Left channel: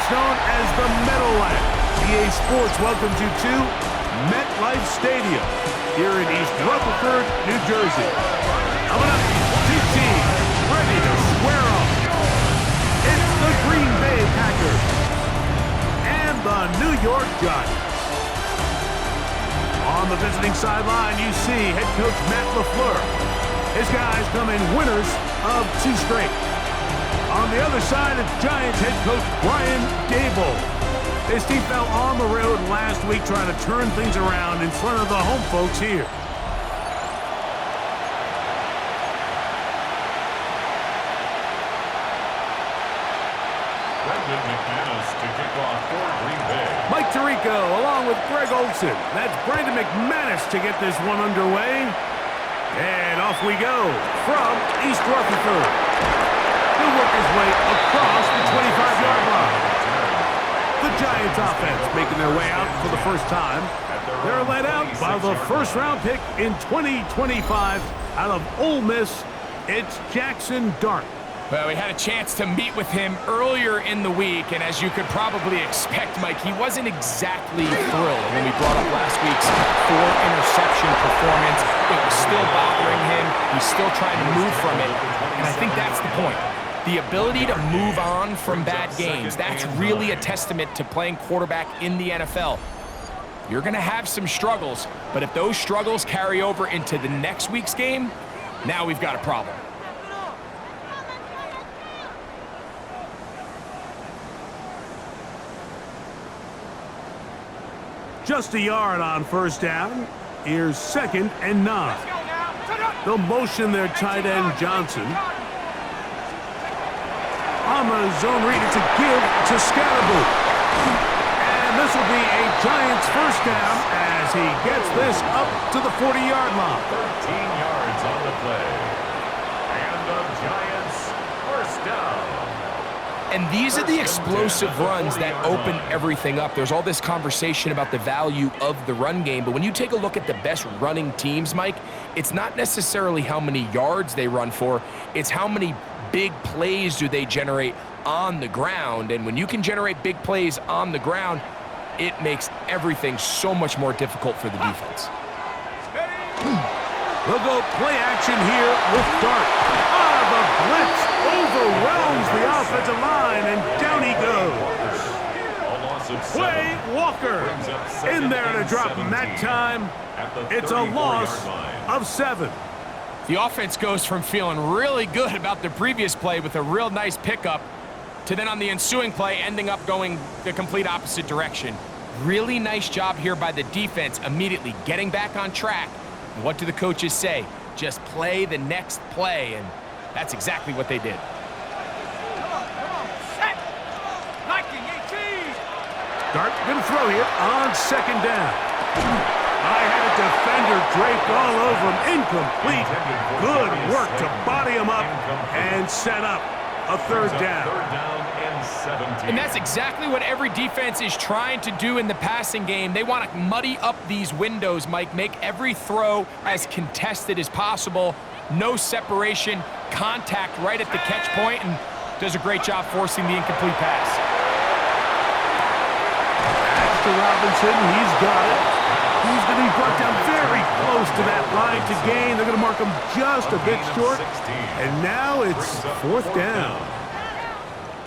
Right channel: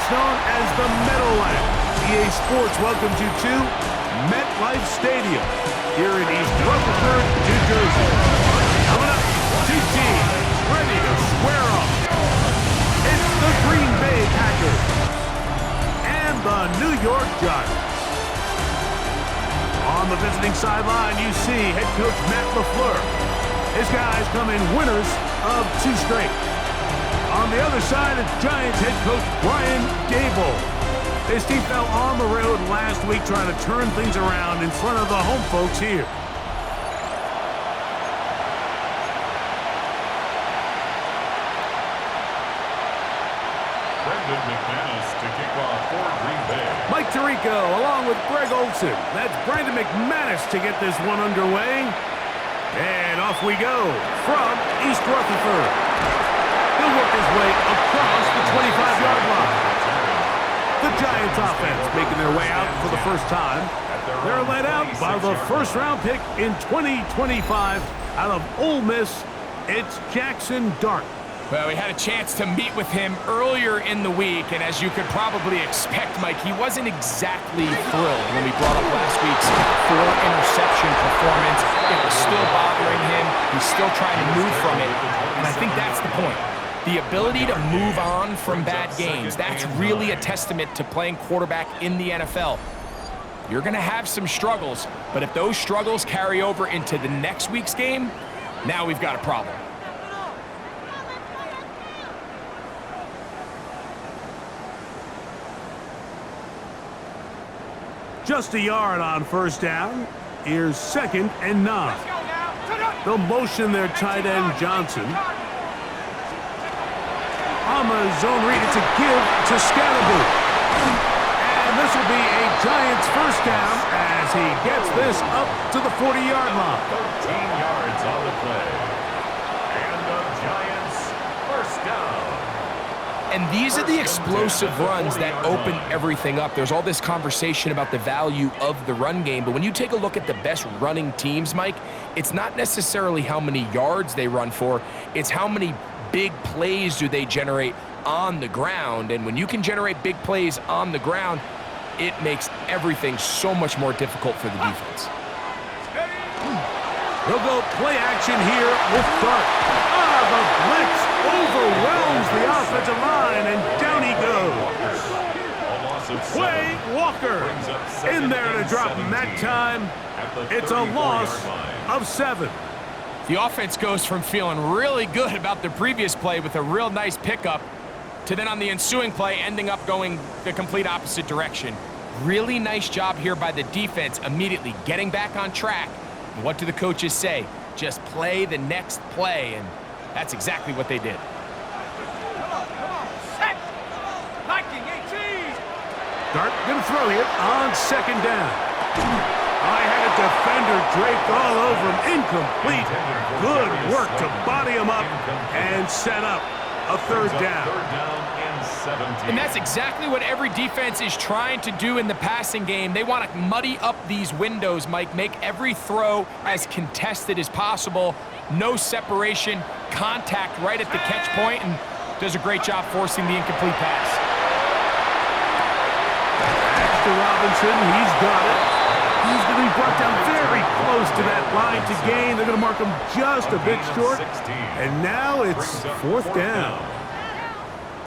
just known as the Meadowlands. EA Sports welcomes you to MetLife Stadium here in East Rutherford, New Jersey. Coming up, two teams ready to square off. It's the Green Bay Packers and the New York Giants. On the visiting sideline, you see head coach Matt LaFleur. His guys come in winners of 2 straight. On the other side, it's Giants head coach Brian Daboll. His team fell on the road last week trying to turn things around in front of the home folks here. Brendan McManus to kick off for Green Bay. Mike Tirico along with Greg Olson. That's Brendan McManus to get this one underway. And off we go from East Rutherford. He'll work his way across the 25-yard line. The Giants offense making their way out for the first time. They're led out by the first-round pick in 2025 out of Ole Miss. It's Jackson Dart. Well, we had a chance to meet with him earlier in the week, and as you could probably expect, Mike, he wasn't exactly thrilled when we brought up last week's 4-interception performance. It was still bothering him. He's still trying to move from it, and I think that's the point. The ability to move on from bad games, that's really a testament to playing quarterback in the NFL. You're going to have some struggles, but if those struggles carry over into the next week's game, now we've got a problem. Just a yard on first down. Here's 2nd and 9. They'll motion their tight end Johnson. On the zone read, it's a give to Scatterboo. And this will be a Giants first down as he gets this up to the 40-yard line. 13 yards on the play. And the Giants first down. And these are the explosive runs that open everything up. There's all this conversation about the value of the run game, but when you take a look at the best running teams, Mike, it's not necessarily how many yards they run for, it's how many big plays do they generate on the ground. And when you can generate big plays on the ground, it makes everything so much more difficult for the defense. They'll go play action here with Dart. The blitz overwhelms the offensive line, and down he goes. Quay Walker in there to drop him that time. It's a loss of 7. The offense goes from feeling really good about the previous play with a real nice pickup to then on the ensuing play ending up going the complete opposite direction. Really nice job here by the defense immediately getting back on track. And what do the coaches say? Just play the next play, and that's exactly what they did. Come on, set! Liking 18! Dart gonna throw here on 2nd down. I had a defender draped all over him, incomplete. Good work to body him up and set up a 3rd down. 3rd down and 17. And that's exactly what every defense is trying to do in the passing game. They want to muddy up these windows, Mike, make every throw as contested as possible. No separation, contact right at the catch point, and does a great job forcing the incomplete pass. Back to Robinson, he's got it. He's going to be brought down very close to that line to gain. They're going to mark him just a bit short. And now it's 4th down.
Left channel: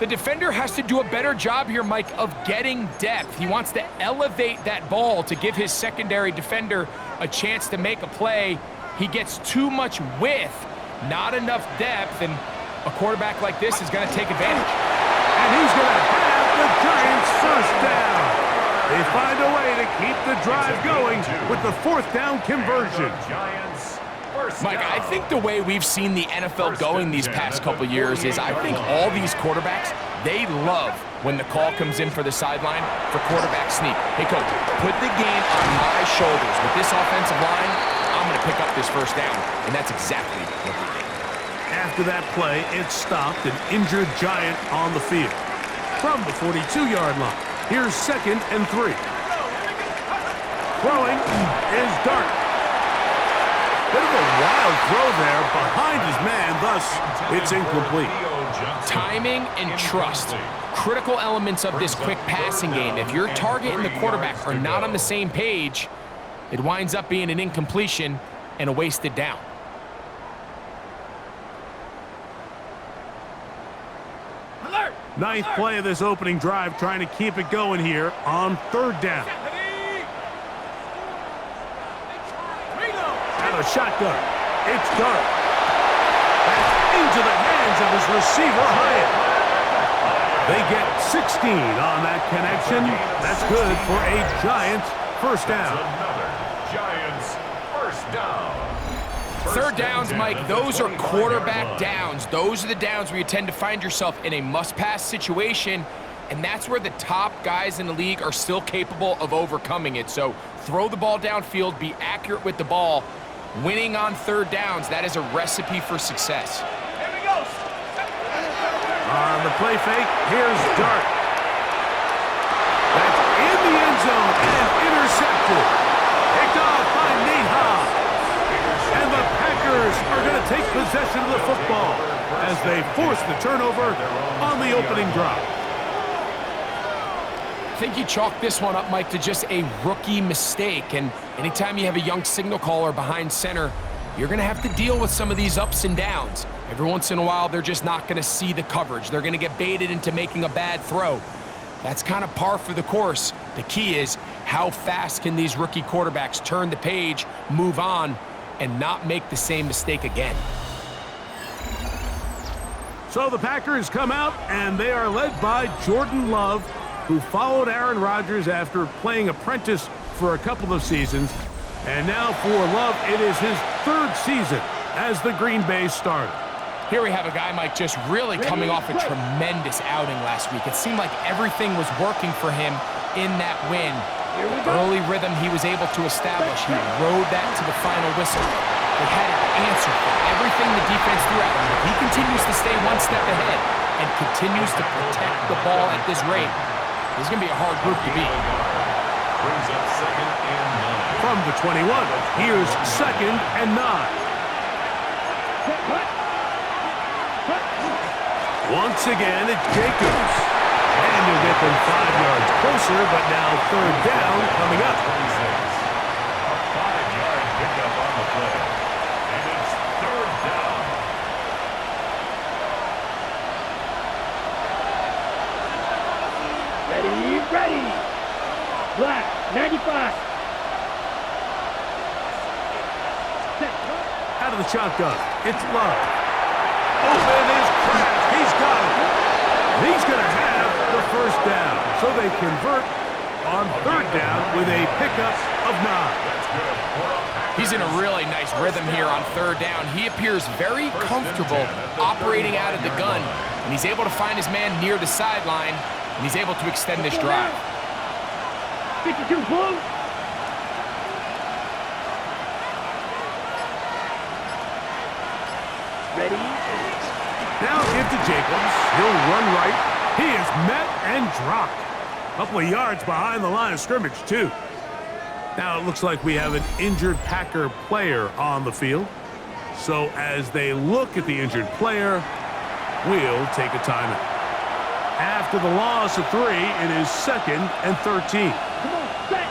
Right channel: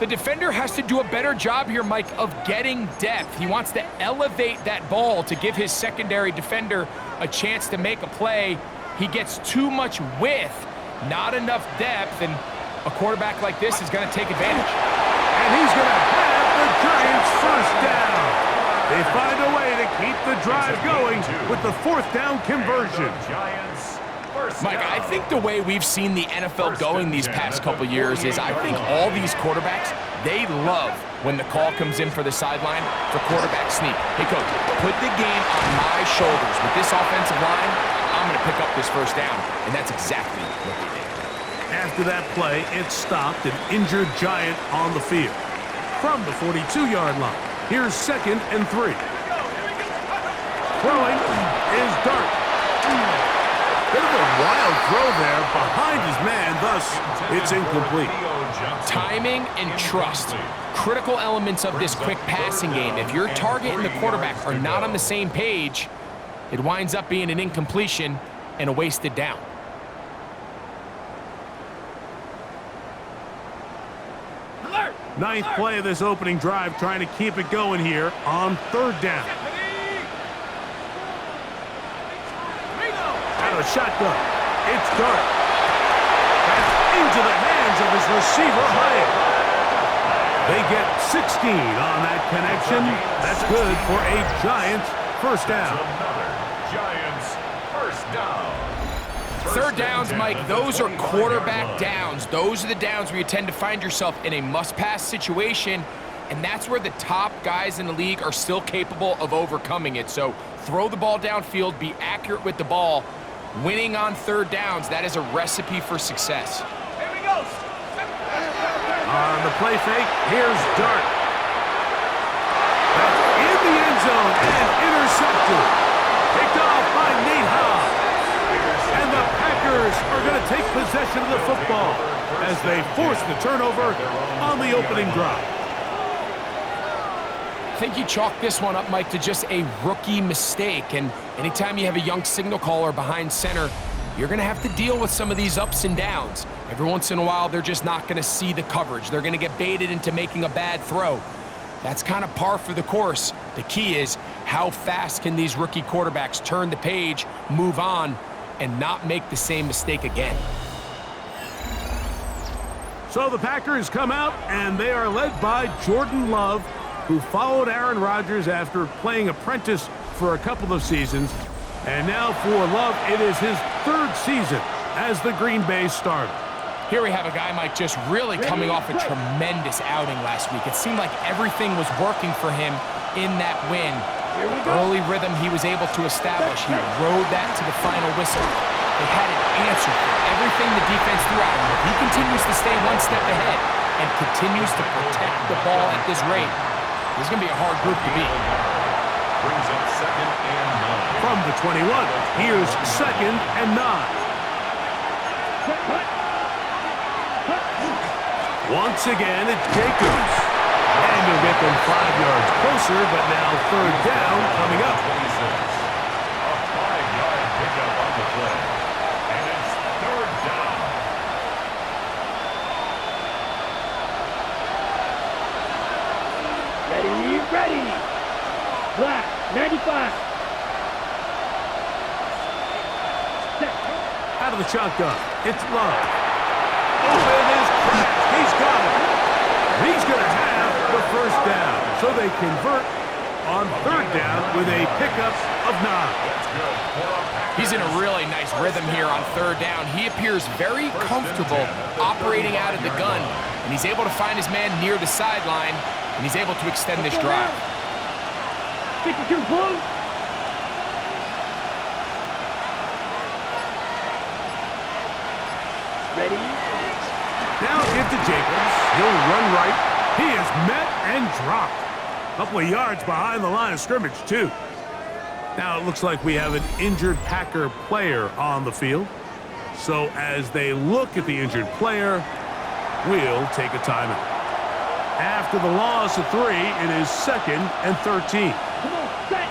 The defender has to do a better job here, Mike, of getting depth. He wants to elevate that ball to give his secondary defender a chance to make a play. He gets too much width, not enough depth, and a quarterback like this is going to take advantage. And he's going to have the Giants first down. They find a way to keep the drive going with the 4th down conversion. Mike, I think the way we've seen the NFL going these past couple years is I think all these quarterbacks, they love when the call comes in for the sideline for quarterback sneak. Hey, coach, put the game on my shoulders. With this offensive line, I'm going to pick up this first down, and that's exactly what they did. After that play, it stopped an injured Giant on the field. From the 42-yard line, here's 2nd and 3. Throwing is Dart. Bit of a wild throw there behind his man, thus it's incomplete. Johnson. Timing and trust. Critical elements of this quick passing game. If your target and the quarterback are not on the same page, it winds up being an incompletion and a wasted down. Alert! Ninth play of this opening drive, trying to keep it going here on third down. Out of the shotgun. It's Dart. That's into the hands of his receiver, Hyatt. They get 16 on that connection. That's good for a Giants first down. Another Giants first down. Third downs, Mike, those are quarterback downs. Those are the downs where you tend to find yourself in a must-pass situation, and that's where the top guys in the league are still capable of overcoming it. So throw the ball downfield, be accurate with the ball. Winning on third downs, that is a recipe for success. Here we go. On the play fake, here's Dart. That's in the end zone and intercepted. Picked off by Nate Hobbs. And the Packers are going to take possession of the football as they force the turnover on the opening drive. I think you chalk this one up, Mike, to just a rookie mistake. And anytime you have a young signal caller behind center, you're going to have to deal with some of these ups and downs. Every once in a while, they're just not going to see the coverage. They're going to get baited into making a bad throw. That's kind of par for the course. The key is how fast can these rookie quarterbacks turn the page, move on, and not make the same mistake again. So the Packers come out, and they are led by Jordan Love, who followed Aaron Rodgers after playing apprentice for a couple of seasons. And now for Love, it is his third season as the Green Bay starter. Here we have a guy, Mike, just really coming off a tremendous outing last week. It seemed like everything was working for him in that win. Early rhythm he was able to establish. He rode that to the final whistle. They had an answer for everything the defense threw at him. If he continues to stay one step ahead and continues to protect the ball at this rate, this is going to be a hard group to beat. Brings up 2nd and 9. From the 21, here's 2nd and 9. Once again, it's Jacobs. And you'll get them 5 yards closer, but now third down coming up. 26. A 5-yard pickup on the play. And it's third down. Ready. Black, 95. Out of the shotgun, it's Love. Open is Kraft. He's got it. He's going to have the first down. So they convert on third down with a pickup of 9. That's good for a Packers. He's in a really nice rhythm here on third down. He appears very comfortable operating out of the gun, and he's able to find his man near the sideline, and he's able to extend this drive. 52 blue. Ready. Now give to Jacobs. He'll run right. He is met and dropped. A couple of yards behind the line of scrimmage, too. Now it looks like we have an injured Packer player on the field. So as they look at the injured player, we'll take a timeout. After the loss of 3, it is 2nd and 13. Come on, set.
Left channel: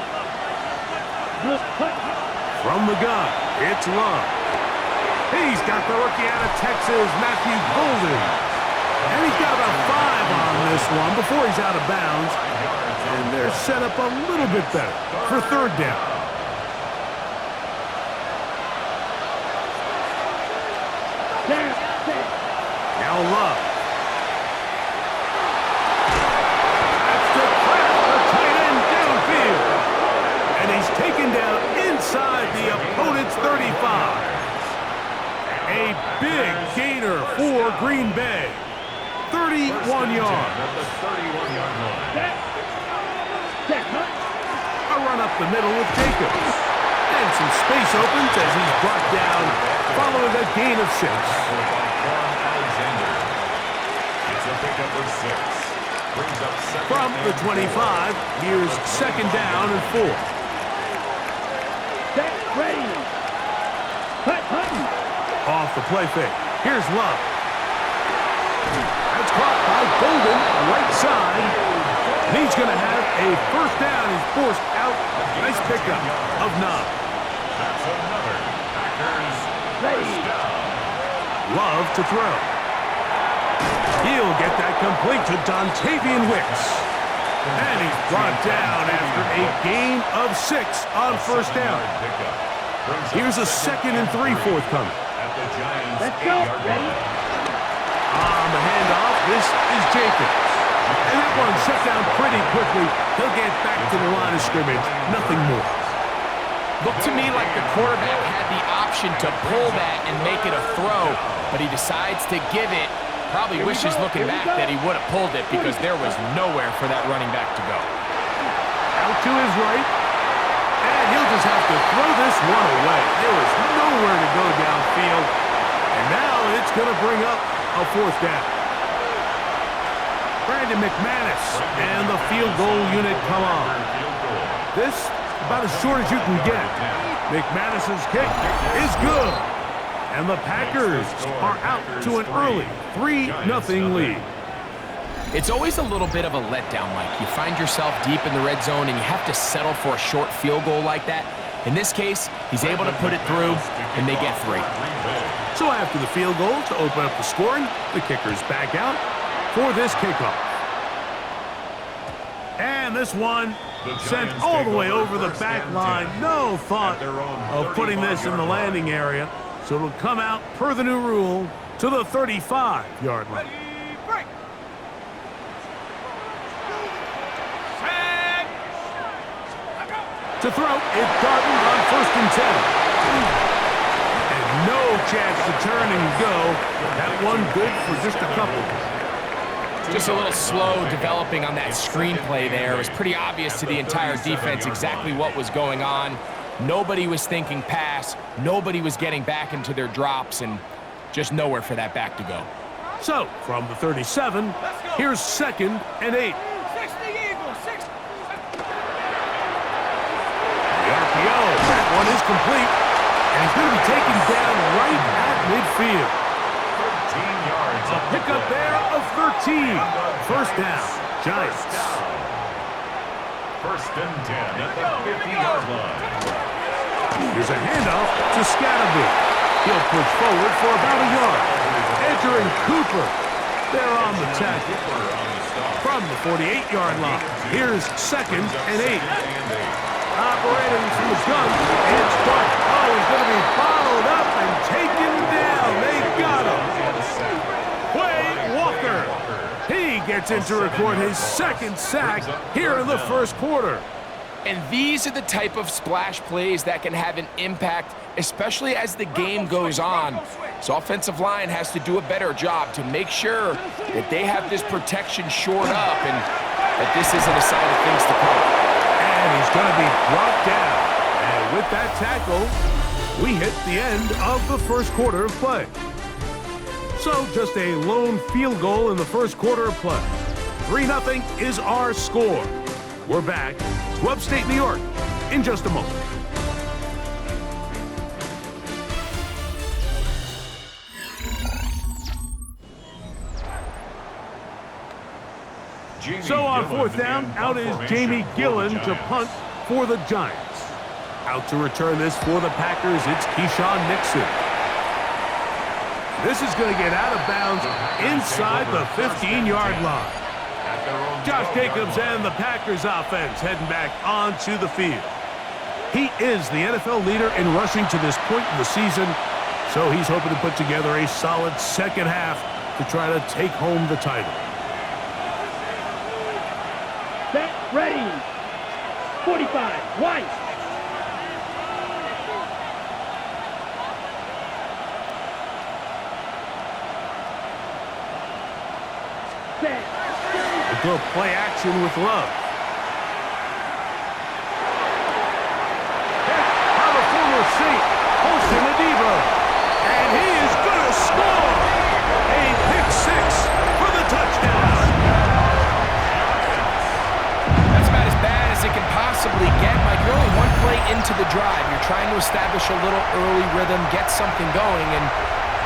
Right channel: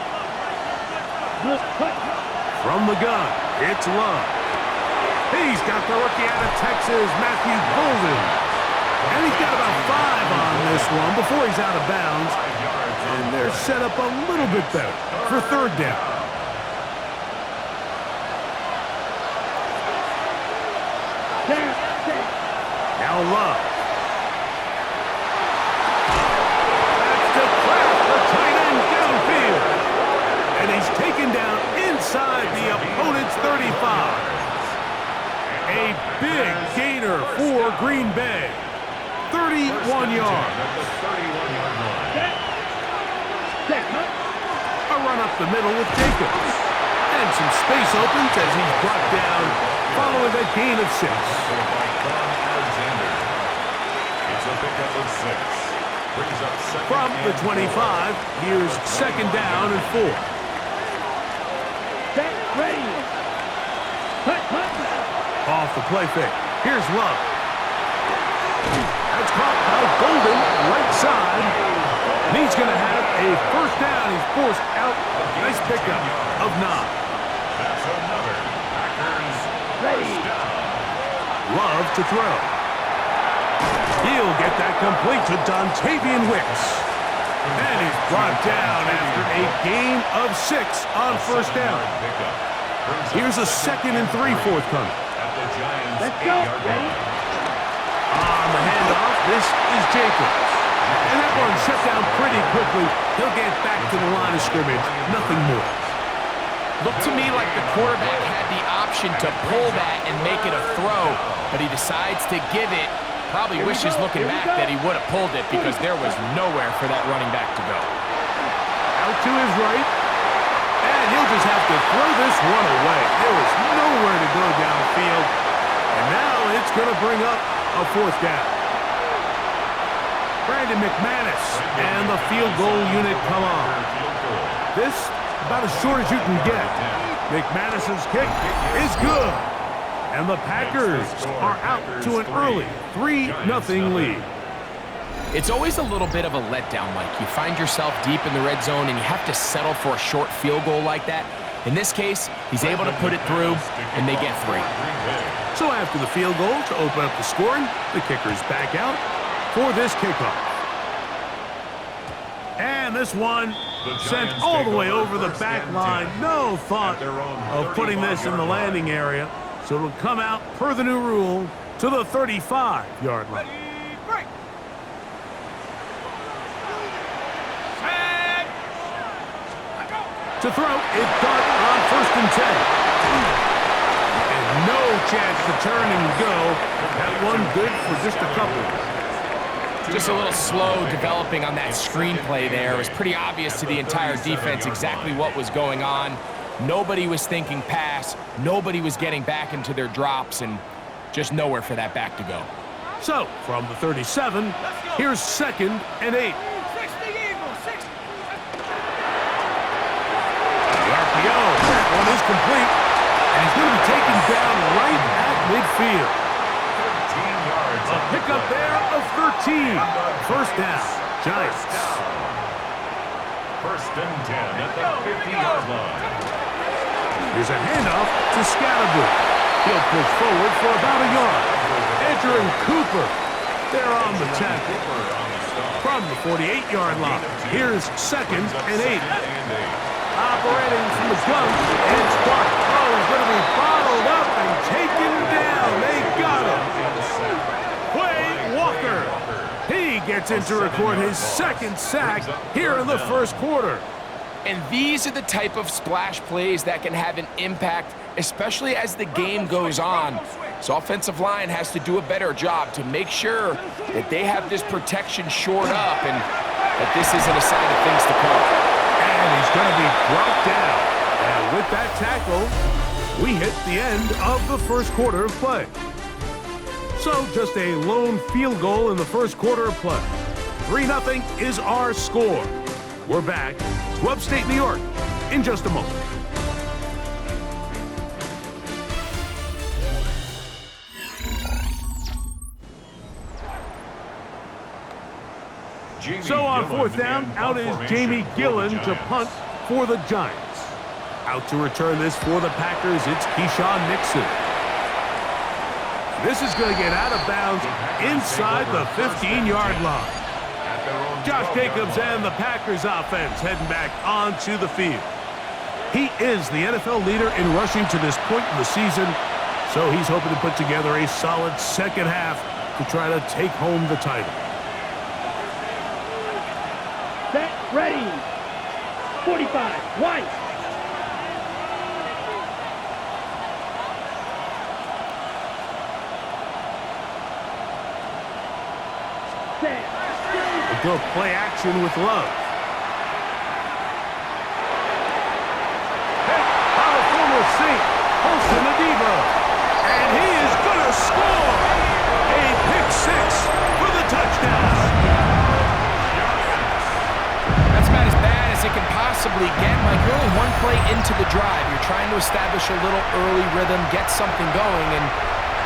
From the gun, it's Love. He's got the rookie out of Texas, Matthew Golden. And he's got about 5 on this one before he's out of bounds. 5 yards on And the they're play. set up a little bit better for third down. Now Love. That's to Kraft, the tight end downfield. And he's taken down inside the opponent's 35. A big gainer for Green Bay. 31 yards. At the 31-yard line. A run up the middle with Jacobs. And some space opens as he's brought down following a gain of 6. Tackled by Quan Alexander. It's a pickup of 6. Brings up 2nd From the and 25, here's 2nd down and 4. Set, ready. Hut. Off the play fake. Here's Love. That's caught by Golden, right side. And he's going to have a first down. He's forced out. Nice pickup of 9. That's another Packers first down. Love to throw. He'll get that complete to Dontavian Wicks. And he's brought down after a gain of 6 on first down. Here's a 2nd and 3 forthcoming. At the Giants' Let's go. 8-yard Ready? line. On the handoff, this is Jacobs. And that one shut down pretty quickly. He'll get back to the line of scrimmage. Nothing more. Looked to me like the quarterback had the option to pull that and make it a throw, but he decides to give it. Probably wishes looking back that he would have pulled it because there was nowhere for that running back to go. Out to his right. And he'll just have to throw this one away. There was nowhere to go downfield. And now it's going to bring up a 4th down. Brandon McManus and the field goal unit come on. This about as short as you can get. McManus's kick is good. And the Packers are out to an early 3-0 lead. It's always a little bit of a letdown, Mike. You find yourself deep in the red zone and you have to settle for a short field goal like that. In this case, he's able to put it through, and they get 3. So after the field goal to open up the scoring, the kicker's back out for this kickoff. And this one sent all the way over the back line. No thought of putting this in the landing area. So it'll come out, per the new rule, to the 35-yard line. Break. Set. To throw, it's Darden on 1st and 10. And no chance to turn and go. That one good for just a couple. Just a little slow developing on that screenplay there. It was pretty obvious to the entire defense exactly what was going on. Nobody was thinking pass. Nobody was getting back into their drops, and just nowhere for that back to go. So, from the 37, here's 2nd and 8. 60 Eagles. 60. The RPO, that one is complete, and he's going to be taken down right at midfield. 13 yards. A pickup there of 13. First down, Giants. 1st and 10 at the 50-yard line. Here's a handoff to Scatterboot. He'll push forward for about a yard. Entering Cooper. They're on the tackle. From the 48-yard line. Here's 2nd and 8. Operating from the gun, it's Dark. Oh, he's going to be bottled up and taken down. They got him. Quay Walker. He gets in to record his 2nd sack here in the 1st quarter. And these are the type of splash plays that can have an impact, especially as the game goes on. So offensive line has to do a better job to make sure that they have this protection shored up and that this isn't a sign of things to come. And he's going to be brought down. And with that tackle, we hit the end of the 1st quarter of play. So just a lone field goal in the 1st quarter of play. 3-0 is our score. We're back to upstate New York in just a moment. So on 4th down, out is Jamie Gillen to punt for the Giants. Out to return this for the Packers, it's Keyshawn Nixon. This is going to get out of bounds inside the 15-yard line. Josh Jacobs and the Packers offense heading back onto the field. He is the NFL leader in rushing to this point in the season, so he's hoping to put together a solid 2nd half to try to take home the title. Set. Ready. 45. White. Set. A good play action with Love. Hit by the former Saint, Holston Adiba. And he is going to score. A pick 6 for the touchdown. That's about as bad as it can possibly get. Mike, you're only one play into the drive. You're trying to establish a little early rhythm, get something going, and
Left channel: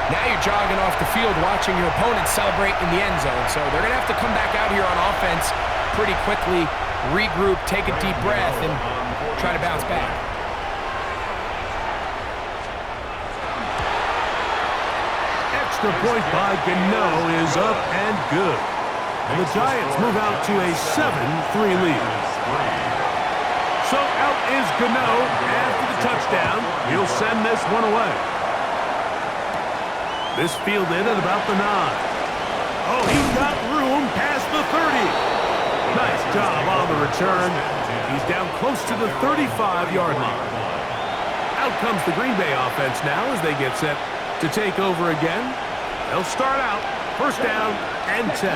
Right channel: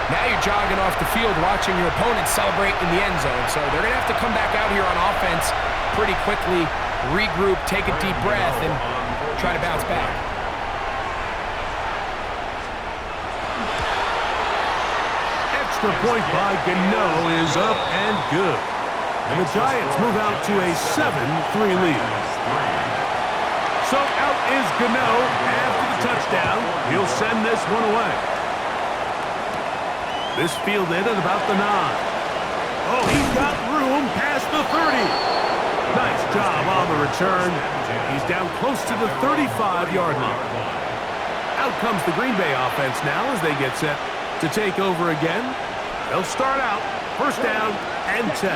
Now you're jogging off the field watching your opponent celebrate in the end zone. So they're going to have to come back out here on offense pretty quickly, regroup, take a deep breath, and try to bounce back. Extra point by Gano is up and good. And the Giants move out to a 7-3 lead. So out is Gano after the touchdown. He'll send this one away. This fielded at about the 9. Oh, he's got room past the 30. Nice job on the return. He's down close to the 35-yard line. Out comes the Green Bay offense now as they get set to take over again. They'll start out first down and 10. To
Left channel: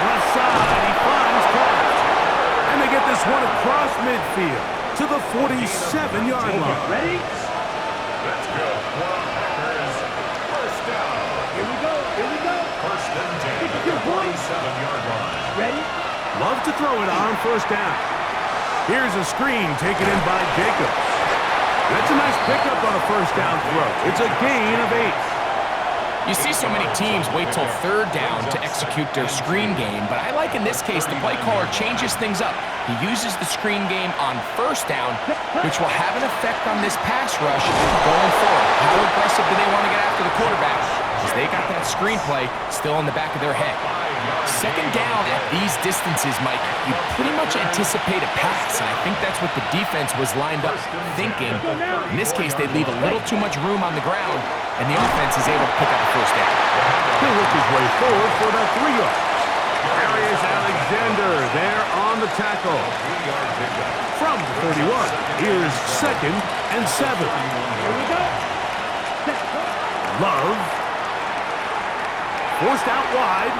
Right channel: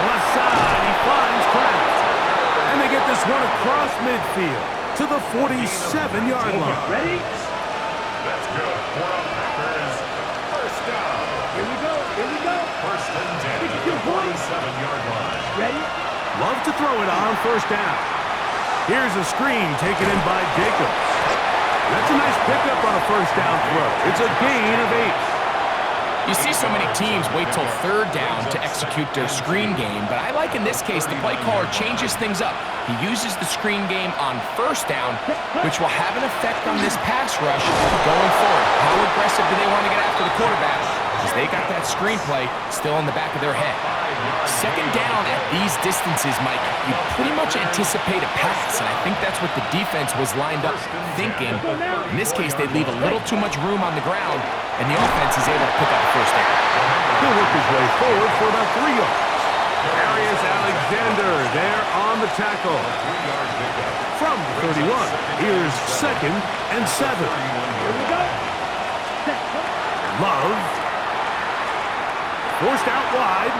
the left side, he finds Kraft. And they get this one across midfield to the 47-yard line. Ready? That's good for the Packers. First down. Here we go. Here we go. First and 10 at the 47-yard line. Ready? Love to throw it on first down. Here's a screen taken in by Jacobs. That's a nice pickup on a first down throw. It's a gain of 8. You see so many teams wait till third down to execute their screen game, but I like in this case the play caller changes things up. He uses the screen game on first down, which will have an effect on this pass rush going forward. How aggressive do they want to get after the quarterback? Because they got that screenplay still in the back of their head. Second down at these distances, Mike, you pretty much anticipate a pass, and I think that's what the defense was lined up thinking. In this case, they leave a little too much room on the ground, and the offense is able to pick up a first down. He'll work his way forward for about 3 yards. Darius Alexander there on the tackle. 3-yard pickup. From the 31, here's second and 7. Here we go. Set. Love. Forced out wide.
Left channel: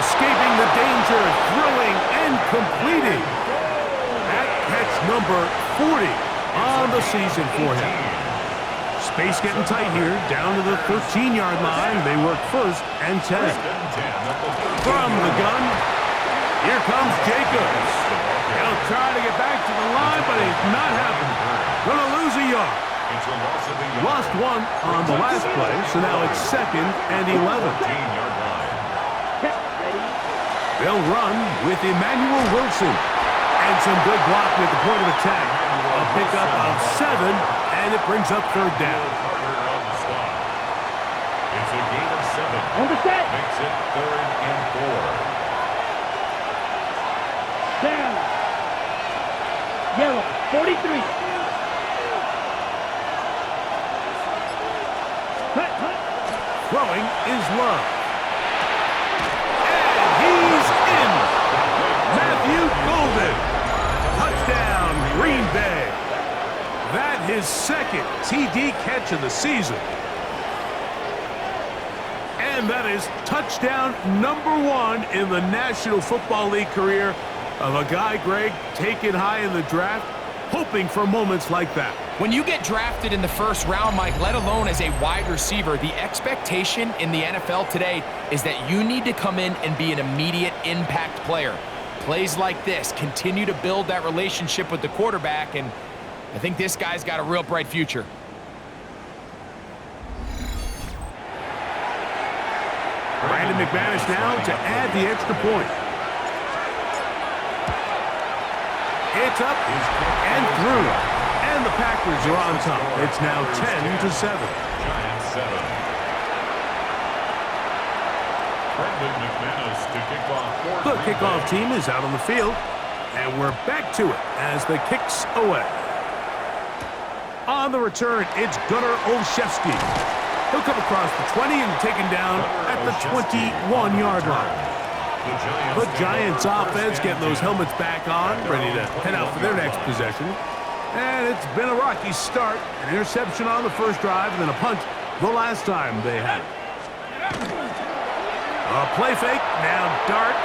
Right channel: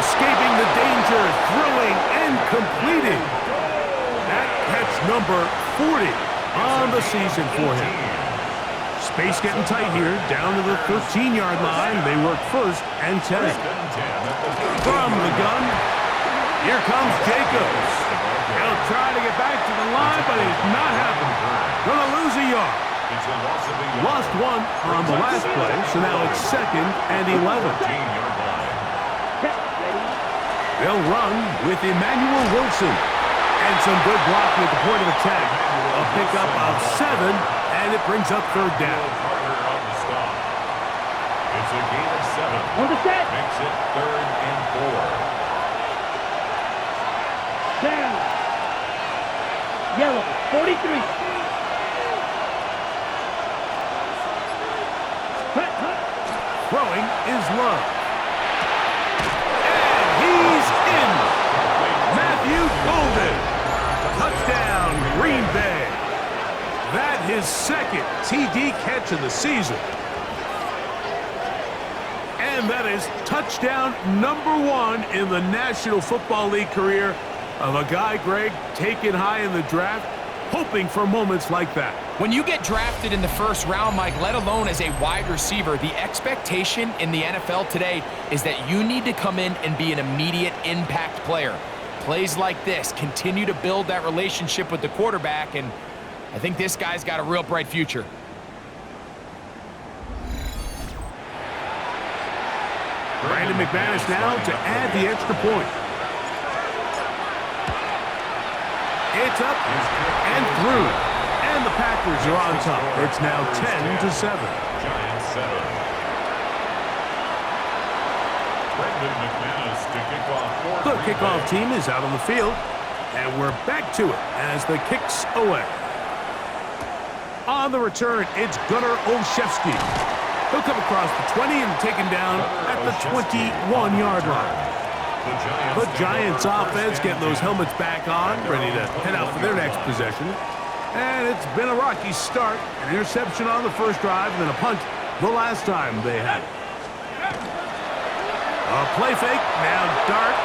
Escaping the danger, throwing and completing. That catch number 40 on the season for him. Space getting tight here, down to the 13-yard line. They work first and 10. From the gun, here comes Jacobs. He'll try to get back to the line, but it's not happening. Gonna lose a yard. Lost one on the last play, so now it's second and 11. They'll run with Emmanuel Wilson. And some good blocking at the point of attack. A pickup of 7, and it brings up third down. It's a gain of 7. On the set. Makes it 3rd and 4. Down. Yellow. 43. Hut, hut. Throwing is Love. And he's in. Matthew Golden. Touchdown, Green Bay. That his second TD catch of the season. And that is touchdown number 1 in the National Football League career of a guy, Greg, taken high in the draft, hoping for moments like that. When you get drafted in the first round, Mike, let alone as a wide receiver, the expectation in the NFL today is that you need to come in and be an immediate impact player. Plays like this continue to build that relationship with the quarterback, and I think this guy's got a real bright future. Brandon McManus now to add the extra point. It's up and through. And the Packers are on top. It's now 10-7. Giants 7. Brandon McManus to kick off. The kickoff team is out on the field. And we're back to it as the kick's away. On the return, it's Gunnar Olszewski. He'll come across the 20 and taken down at the 21-yard line. The Giants offense getting those helmets back on, ready to head out for their next possession. And it's been a rocky start. An interception on the first drive, and then a punt the last time they had it. A play fake, now Dart.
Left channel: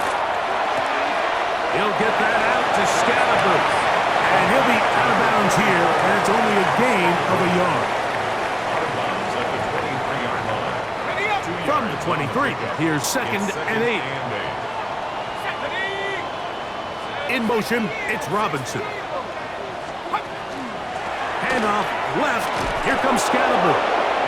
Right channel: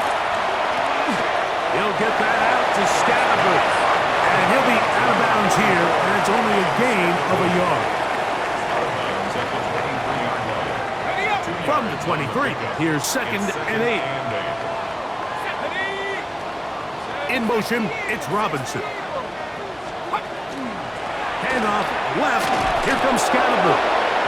He'll get that out to Scalabrine. And he'll be out of bounds here, and it's only a gain of a yard. Out of bounds at the 23-yard line. Ready up. From the 23, here's second and 8. In motion, it's Robinson. handoff left. Here comes Scatterbull.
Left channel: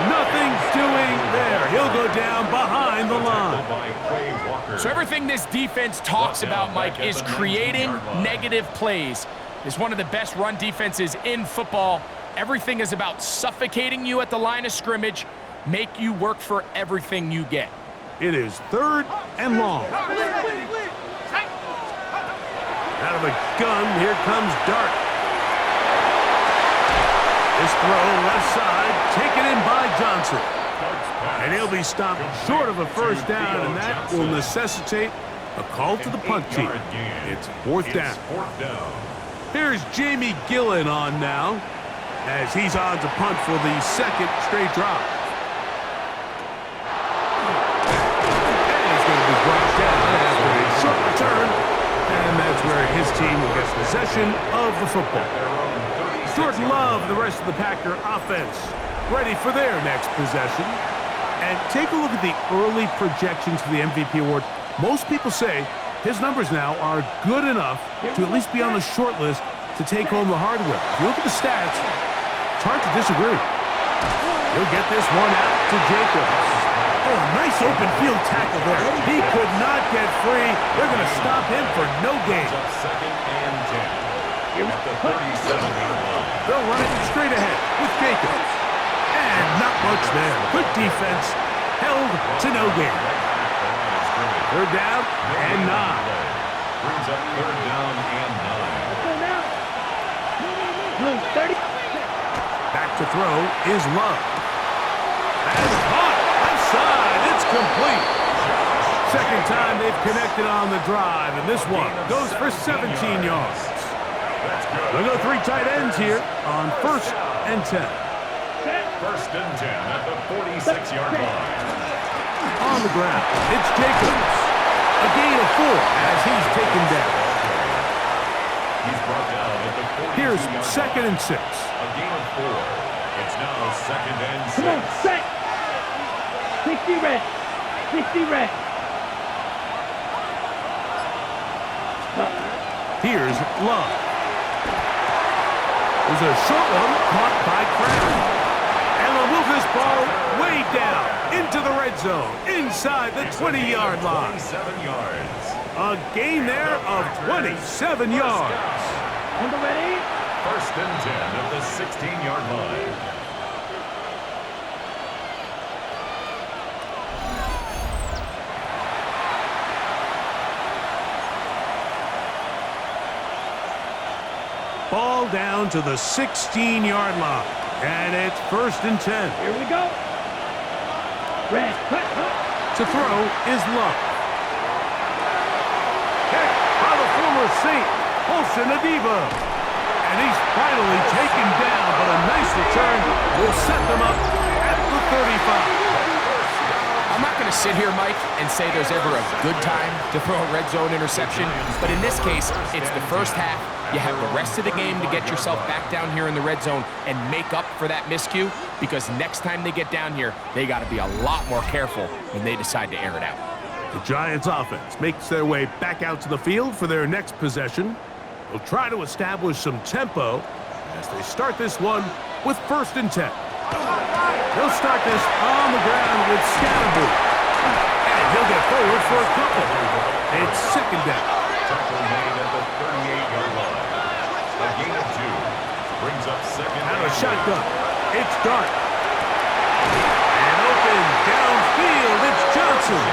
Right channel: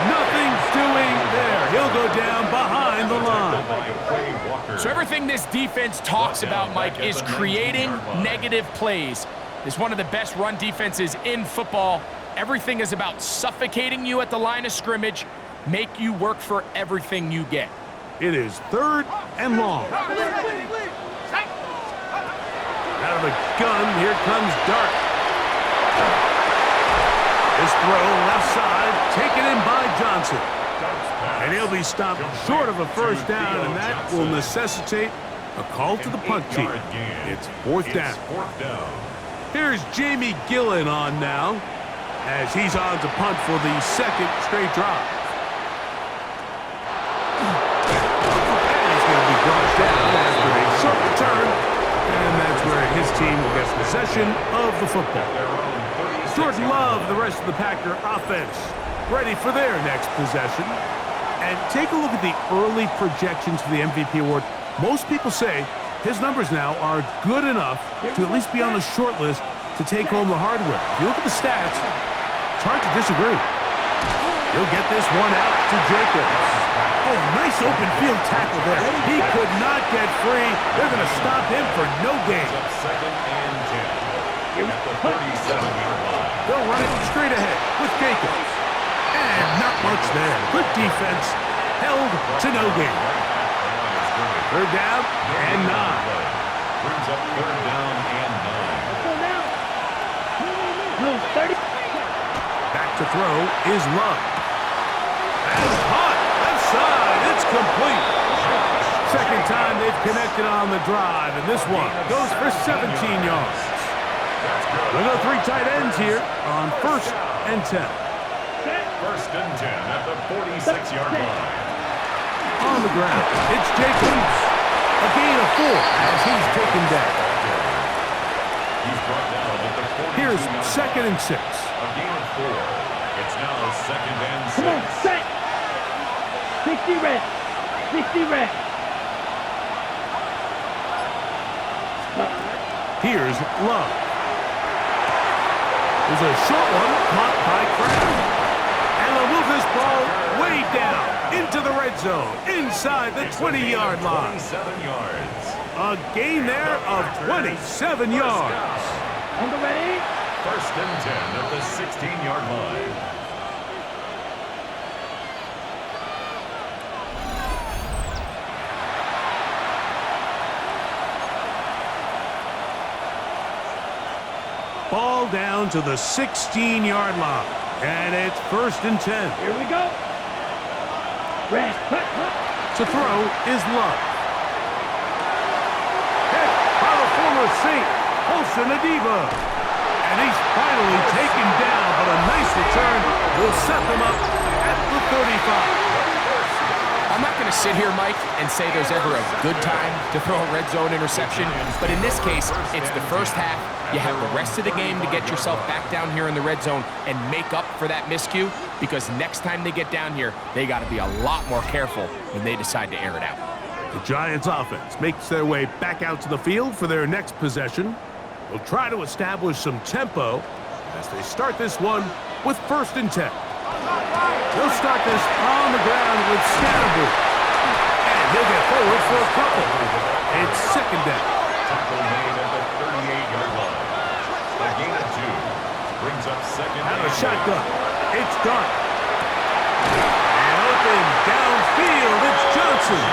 Nothing doing there. He'll go down behind the line. So everything this defense talks about, Mike, is creating negative plays. It's one of the best run defenses in football. Everything is about suffocating you at the line of scrimmage, make you work for everything you get. It is 3rd and long. Out of the gun, here comes Dart. This throw left side, taken in by Johnson. And he'll be stopped short of a first down, and that will necessitate a call to the punt team. It's 4th down. Here's Jamie Gillen on now, as he's on to punt for the 2nd straight drive. And he's going to be brought down after a short return, and that's where his team will get possession of the football. Jordan Love, the rest of the Packer offense, ready for their next possession. And take a look at the early projections for the MVP award. Most people say his numbers now are good enough to at least be on the short list to take home the hardware. If you look at the stats, it's hard to disagree. He'll get this one out to Jacobs. Oh, nice open field tackle there. He could not get free. They're going to stop him for no gain. 2nd and 10 at the 37-yard line. They'll run it straight ahead with Jacobs. And not much there. Good defense. Held to no gain. 3rd down and 9. Brings up 3rd down and 9. 30. Back to throw is Love. And caught. Left side. It's complete. 2nd time they've connected on the drive, and this one goes for 17 yards. We'll go 3 tight ends here on 1st and 10. 1st and 10 at the 46-yard line. On the ground, it's Jacobs. A gain of 4 as he's taken down. He's brought down at the 42-yard line. Here's 2nd and 6. A gain of 4. It's now 2nd and 6. Come on, set. 60 red. 60 red. Here's Love. There's a short one caught by Kraft. And they'll move this ball way down into the red zone, inside the 20-yard line. 27 yards. A gain there of 27 yards. On the ready. 1st and 10 at the 16-yard line. Ball down to the 16-yard line. And it's 1st and 10. Here we go. Red. Hut, hut. To throw is Love. Hit by the former Saint, Olsen Adiba. And he's finally taken down, but a nice return will set them up at the 35. I'm not going to sit here, Mike, and say there's ever a good time to throw a red zone interception, but in this case, it's the first half. You have the rest of the game to get yourself back down here in the red zone and make up for that miscue, because next time they get down here, they got to be a lot more careful when they decide to air it out. The Giants offense makes their way back out to the field for their next possession. They'll try to establish some tempo as they start this one with 1st and 10. They'll start this on the ground with Scatterbull. And he'll get forward for a couple. It's 2nd down. Tackle made at the 38-yard line. A gain of 2. Brings up 2nd Out and of shotgun. It's Dart. And open downfield. It's Johnson.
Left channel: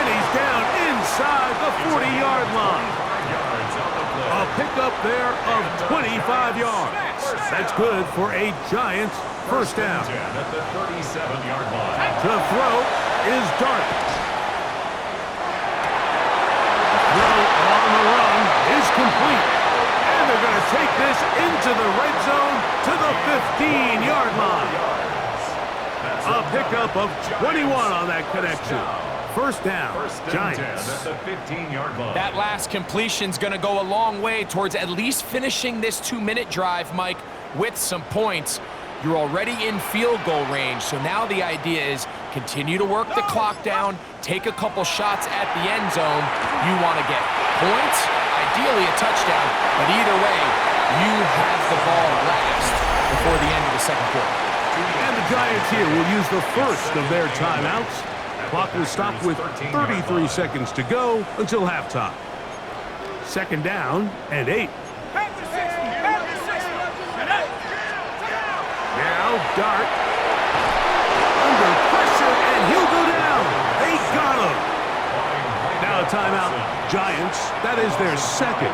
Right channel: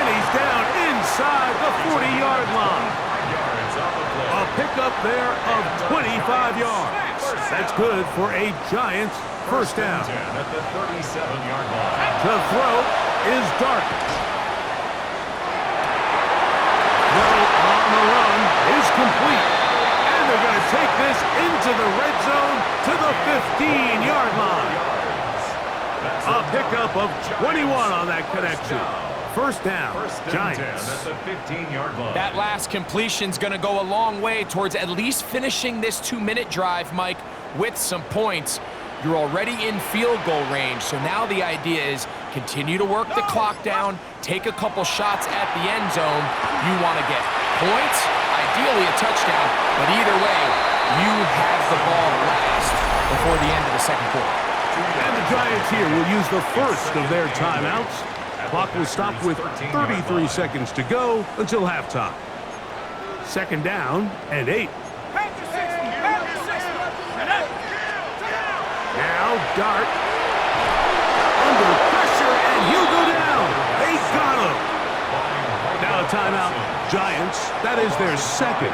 And he's down inside the 40-yard line. 5 yards on the play. A pickup there of 25 yards. That's good for a Giants 1st down. 10 at the 37-yard line. The throw is Dart. Throw on the run is complete. And they're going to take this into the red zone to the 15-yard line. A pickup of 21 on that connection. 1st down, 1st and 10 Giants. at the 15-yard line. That last completion's going to go a long way towards at least finishing this 2-minute drive, Mike, with some points. You're already in field goal range, so now the idea is continue to work the clock down, take a couple shots at the end zone. You want to get points, ideally a touchdown, but either way, you have the ball last. before the end of the second quarter. And the Giants here will use the first of their timeouts. Clock will stop with 33 seconds to go until halftime. Second down and 8. Back to 60. Back to 60. And that. Now Dart under pressure, and he'll go down. They got him. Now a timeout. Giants, that is their second,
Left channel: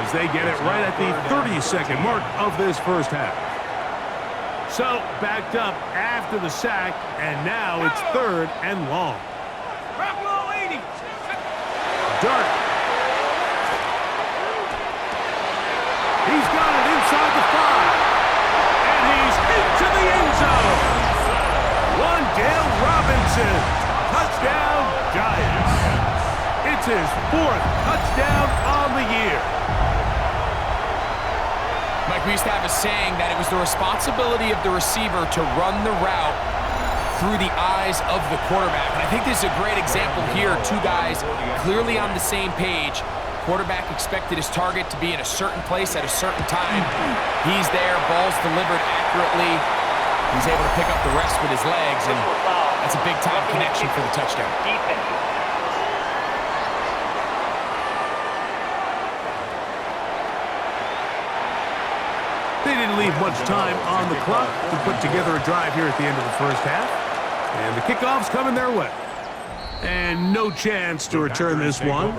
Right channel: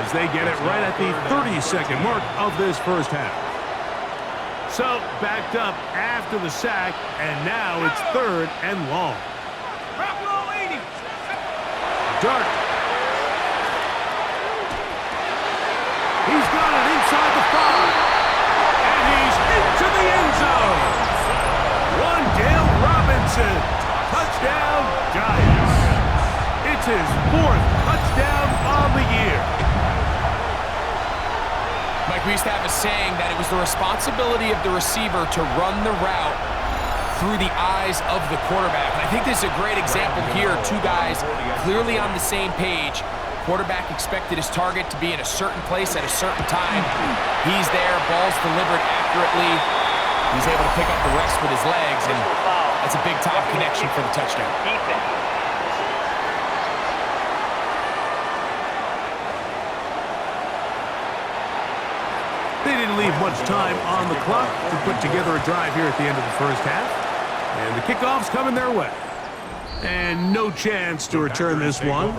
as they get it right at the 30-second mark of this first half. So backed up after the sack, and now it's third and long. Rock low 80. Dart. He's got it inside the 5. And he's into the end zone. Wan'Dale Robinson. Touchdown, Giants. It's his 4th touchdown on the year. Mike, we used to have a saying that it was the responsibility of the receiver to run the route through the eyes of the quarterback. And I think this is a great example here. Two guys clearly on the same page. Quarterback expected his target to be in a certain place at a certain time. He's there, ball's delivered accurately. He's able to pick up the rest with his legs, and that's a big-time connection for the touchdown. They didn't leave much time on the clock to put together a drive here at the end of the first half. And the kickoff's coming their way. And no chance to return this one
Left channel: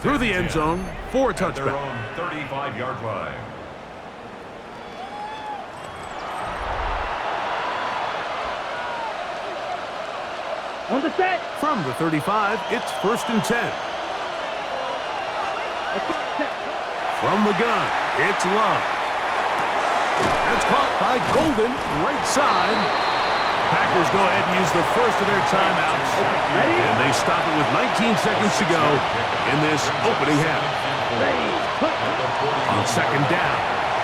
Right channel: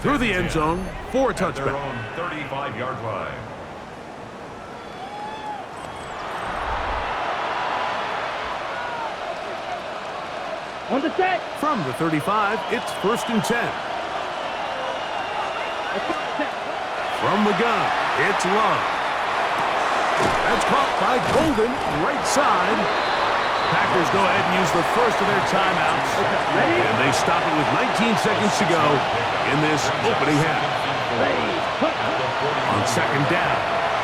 through the end zone for a touchback. Their own 35-yard line. On the set. From the 35, it's 1st and 10. From the gun, it's Love. That's caught by Golden, right side. Packers go ahead and use the first of their timeouts. And they stop it with 19 seconds to go in this opening half. On second down,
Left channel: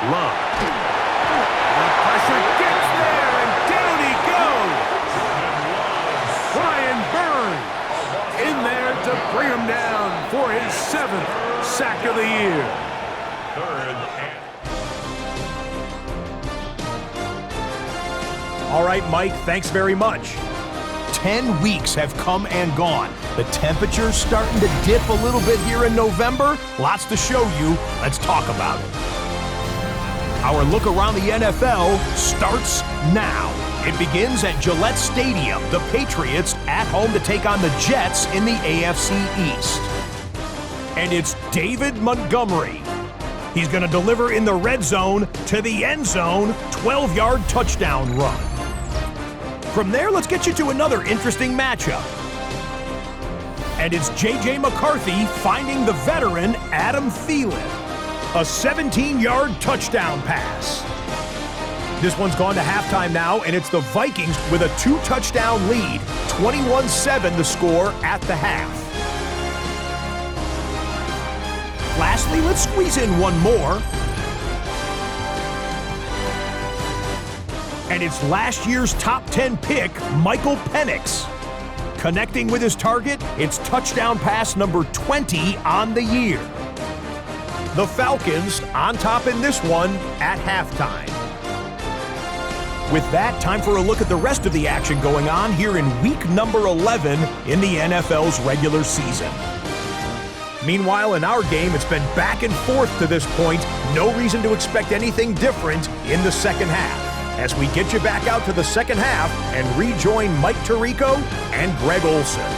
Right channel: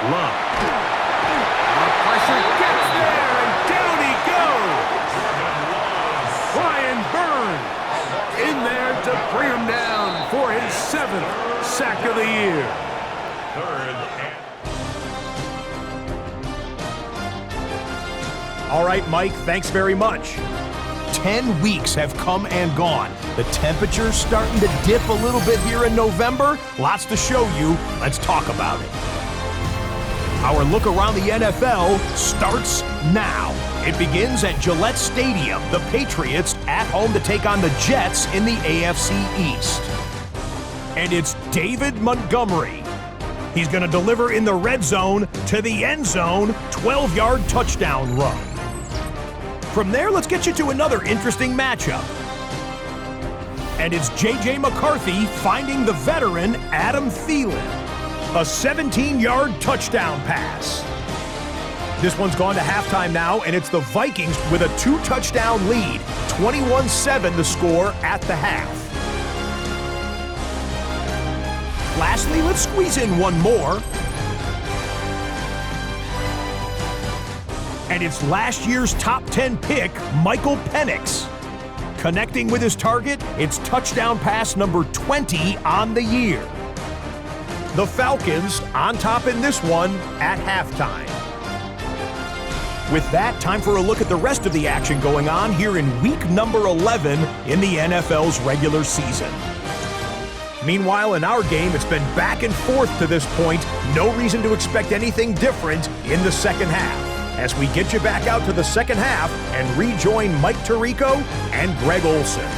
Love. The pressure gets there, and down he goes. Brian Burns in there to bring him down for his 7th sack of the year. Third and All right, Mike, thanks very much. 10 weeks have come and gone. The temperature's starting to dip a little bit here in November. Lots to show you. Let's talk about it. Our look around the NFL starts now. It begins at Gillette Stadium. The Patriots at home to take on the Jets in the AFC East. And it's David Montgomery. He's going to deliver in the red zone to the end zone, 12-yard touchdown run. From there, let's get you to another interesting matchup. And it's J.J. McCarthy finding the veteran Adam Thielen. A 17-yard touchdown pass. This one's gone to halftime now, and it's the Vikings with a 2-touchdown lead. 21-7 the score at the half. Lastly, let's squeeze in one more. And it's last year's top 10 pick, Michael Penix. Connecting with his target, it's touchdown pass number 20 on the year. The Falcons on top in this one at halftime. With that, time for a look at the rest of the action going on here in week number 11 in the NFL's regular season. Meanwhile, in our game, it's been back and forth to this point. No reason to expect anything different in the second half, as we get you back out to the second half and rejoin Mike Tirico and Greg Olsen.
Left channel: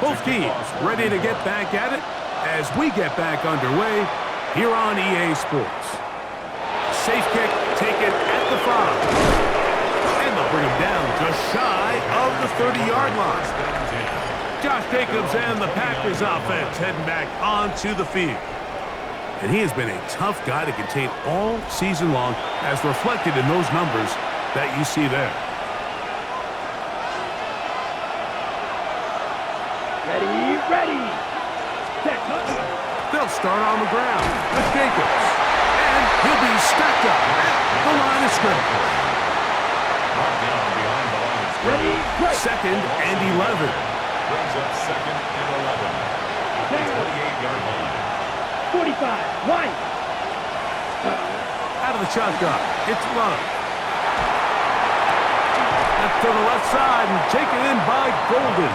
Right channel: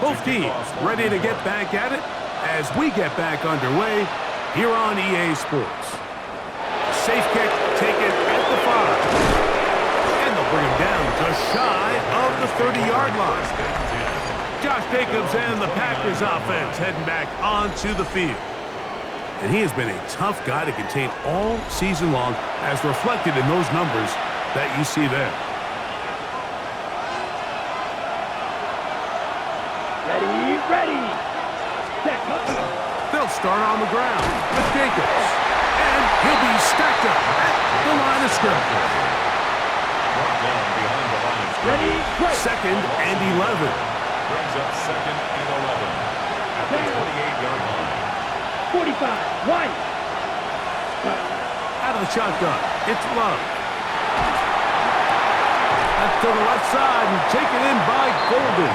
Both teams ready to get back at it as we get back underway here on EA Sports. Safe kick taken at the 5. And they'll bring him down just shy of the 30-yard line. Josh Jacobs and the Packers offense heading back onto the field. And he has been a tough guy to contain all season long, as reflected in those numbers that you see there. Ready, ready. Set. They'll They'll start on the ground with Jacobs. And he'll be stacked up at the line of scrimmage. Brought down behind the line of Ready, scrimmage. break. 2nd and 11. Brings up 2nd and 11 at the 28-yard line. 45, wide. Out of the shotgun, it's Love. That's to the left side and taken in by Golden.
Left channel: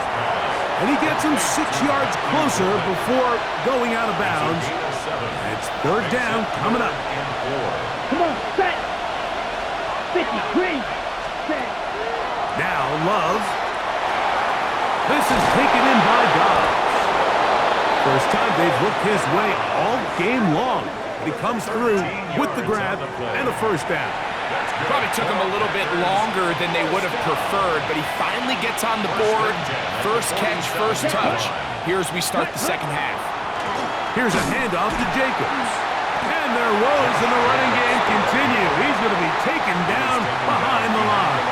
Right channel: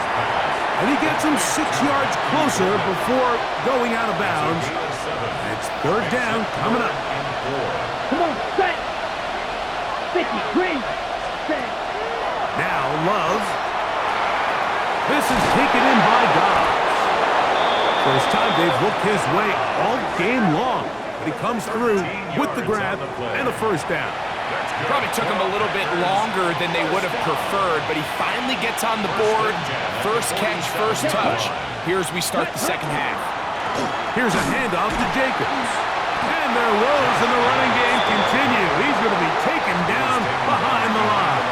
And he gets him 6 yards closer before going out of bounds. It's 3rd down coming up. Come on, set. 50, green. Set. Now Love. This is taken in by Dobbs. First time they've looked his way all game long. But he comes through with the grab and a 1st down. Probably took him a little bit longer than they would have preferred, but he finally gets on the board. First catch, first touch. Here as we start the second half. Here's a handoff to Jacobs. And their woes in the running game continue. He's going to be taken down behind the line.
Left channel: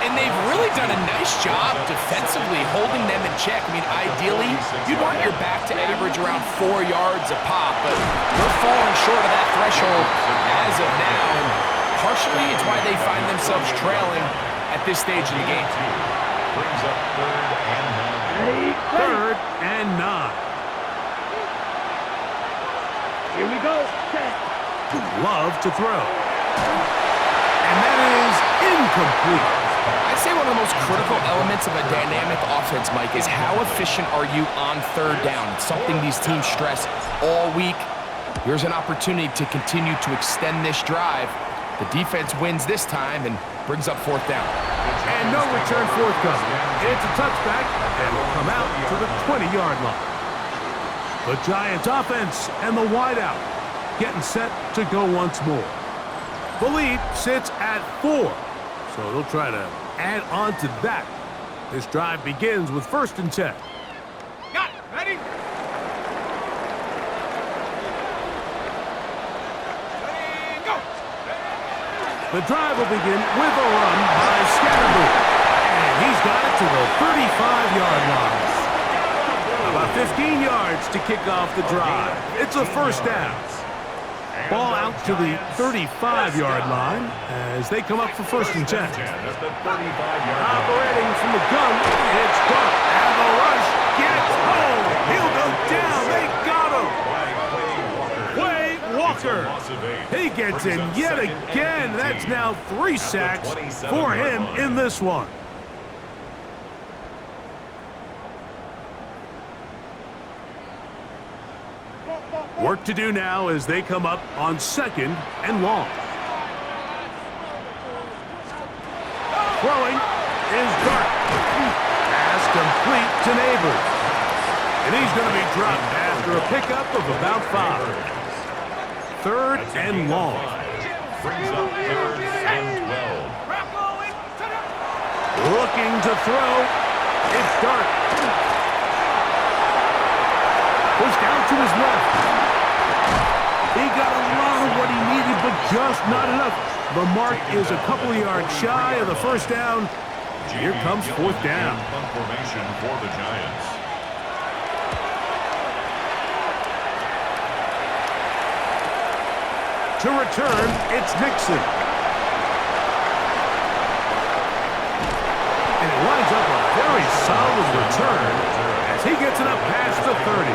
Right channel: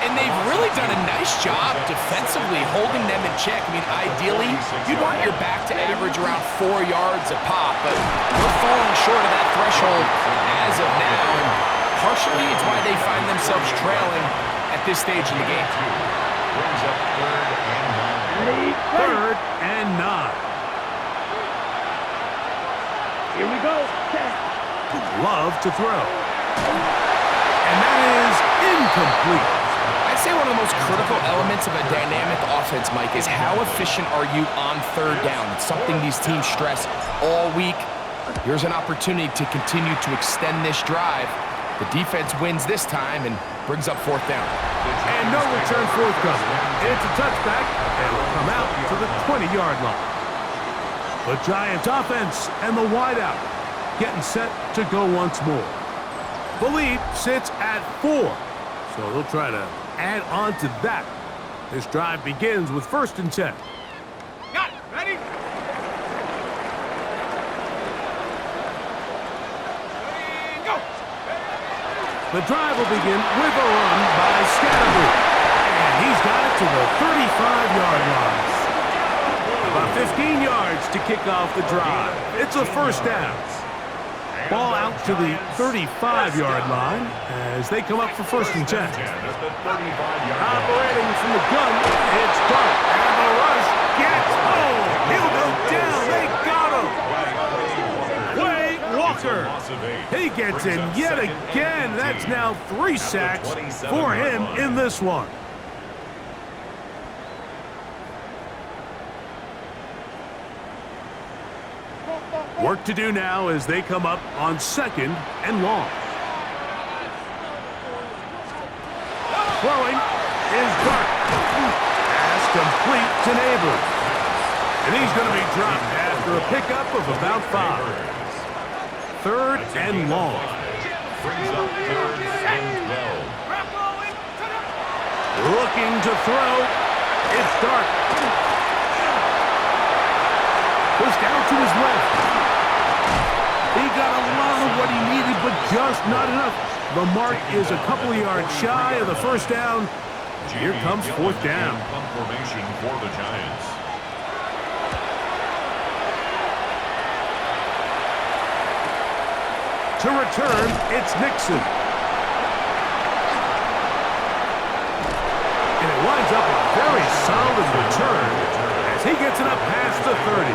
And they've really done a nice job defensively holding them in check. I mean, ideally, you'd want your back to average around 4 yards a pop, but they're falling short of that threshold as of now, and partially it's why they find themselves trailing at this stage in the game. Brings up 3rd and 9. Ready, ready. 3rd and 9. Here we go, set. Love to throw. And that is incomplete. I'd say one of the most critical elements of a dynamic offense, Mike, is how efficient are you on 3rd down. It's something these teams stress all week. Here's an opportunity to continue to extend this drive. The defense wins this time and brings up 4th down. And no return forthcoming. It's a touchback and will come out to the 20-yard line. The Giants offense and the wideout getting set to go once more. The lead sits at 4. So they'll try to add on to that. This drive begins with 1st and 10. Got it. Ready? Ready, go. The drive will begin with a run by Scatterboo. And he's got it to the 35-yard line. About 15 yards to kick off the drive. It's a 1st down. Ball out to the 35-yard line as they come up for 1st and 10. Operating from the gun, it's Dart. And the rush gets home. He'll go down. They got him. Quay Walker. He gets in yet again. That's now 3 sacks for him in this one. Work to do now as they come up on 2nd and long. Throwing is Dart. Pass complete to Neighbors. And he's going to be dropped after a pickup of about 5. 3rd and long. Brings up 3rd and 12. Looking to throw. It's Dart. Pushed out to his left. He got a lot of what he needed, but just not enough. The mark is a couple of yards shy of the 1st down. Here comes 4th down. Punt formation for the Giants. To return, it's Nixon. And it winds up a very solid return as he gets it up past the 30.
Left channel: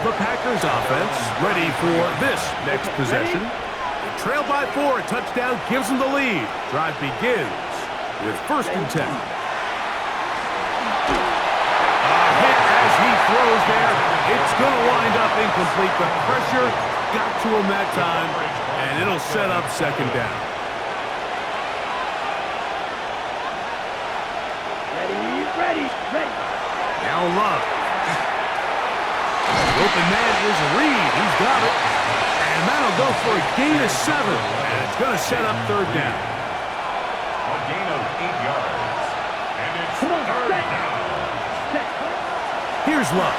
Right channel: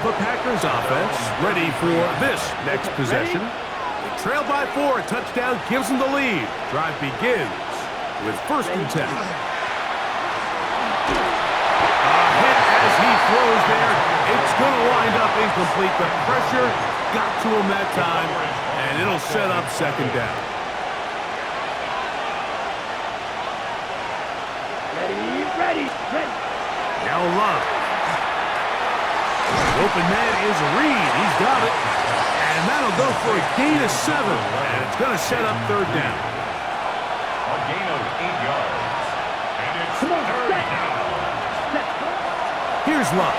The Packers offense ready for this next possession. They trail by 4. A touchdown gives them the lead. Drive begins with 1st and 10. A hit as he throws there. It's going to wind up incomplete. The pressure got to him that time, and it'll set up 2nd down. Ready. Now Love. The open man is Reed. He's got it. And that'll go for a gain of 7. And it's going to set up 3rd down. A gain of 8 yards. And it's Come on, 3rd set. down. Here's Love.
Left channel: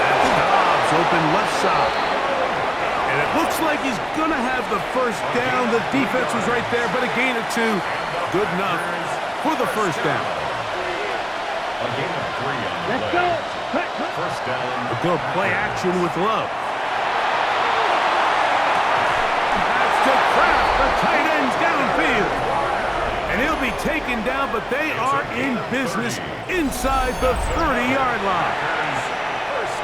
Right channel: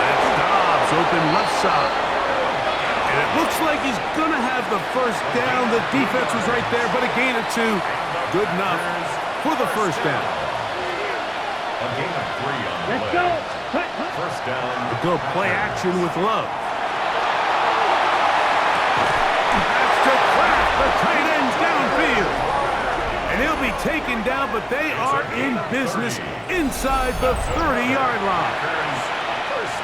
That's Dobbs open left side. And it looks like he's going to have the 1st down. The defense was right there, but a gain of 2. Good enough for the 1st down. A A gain of 3 on the Let's play. go. Cut, cut. First down. A good play action with Love. That's to Kraft. The tight end's downfield. And he'll be taken down, but they are in business inside the 30-yard line.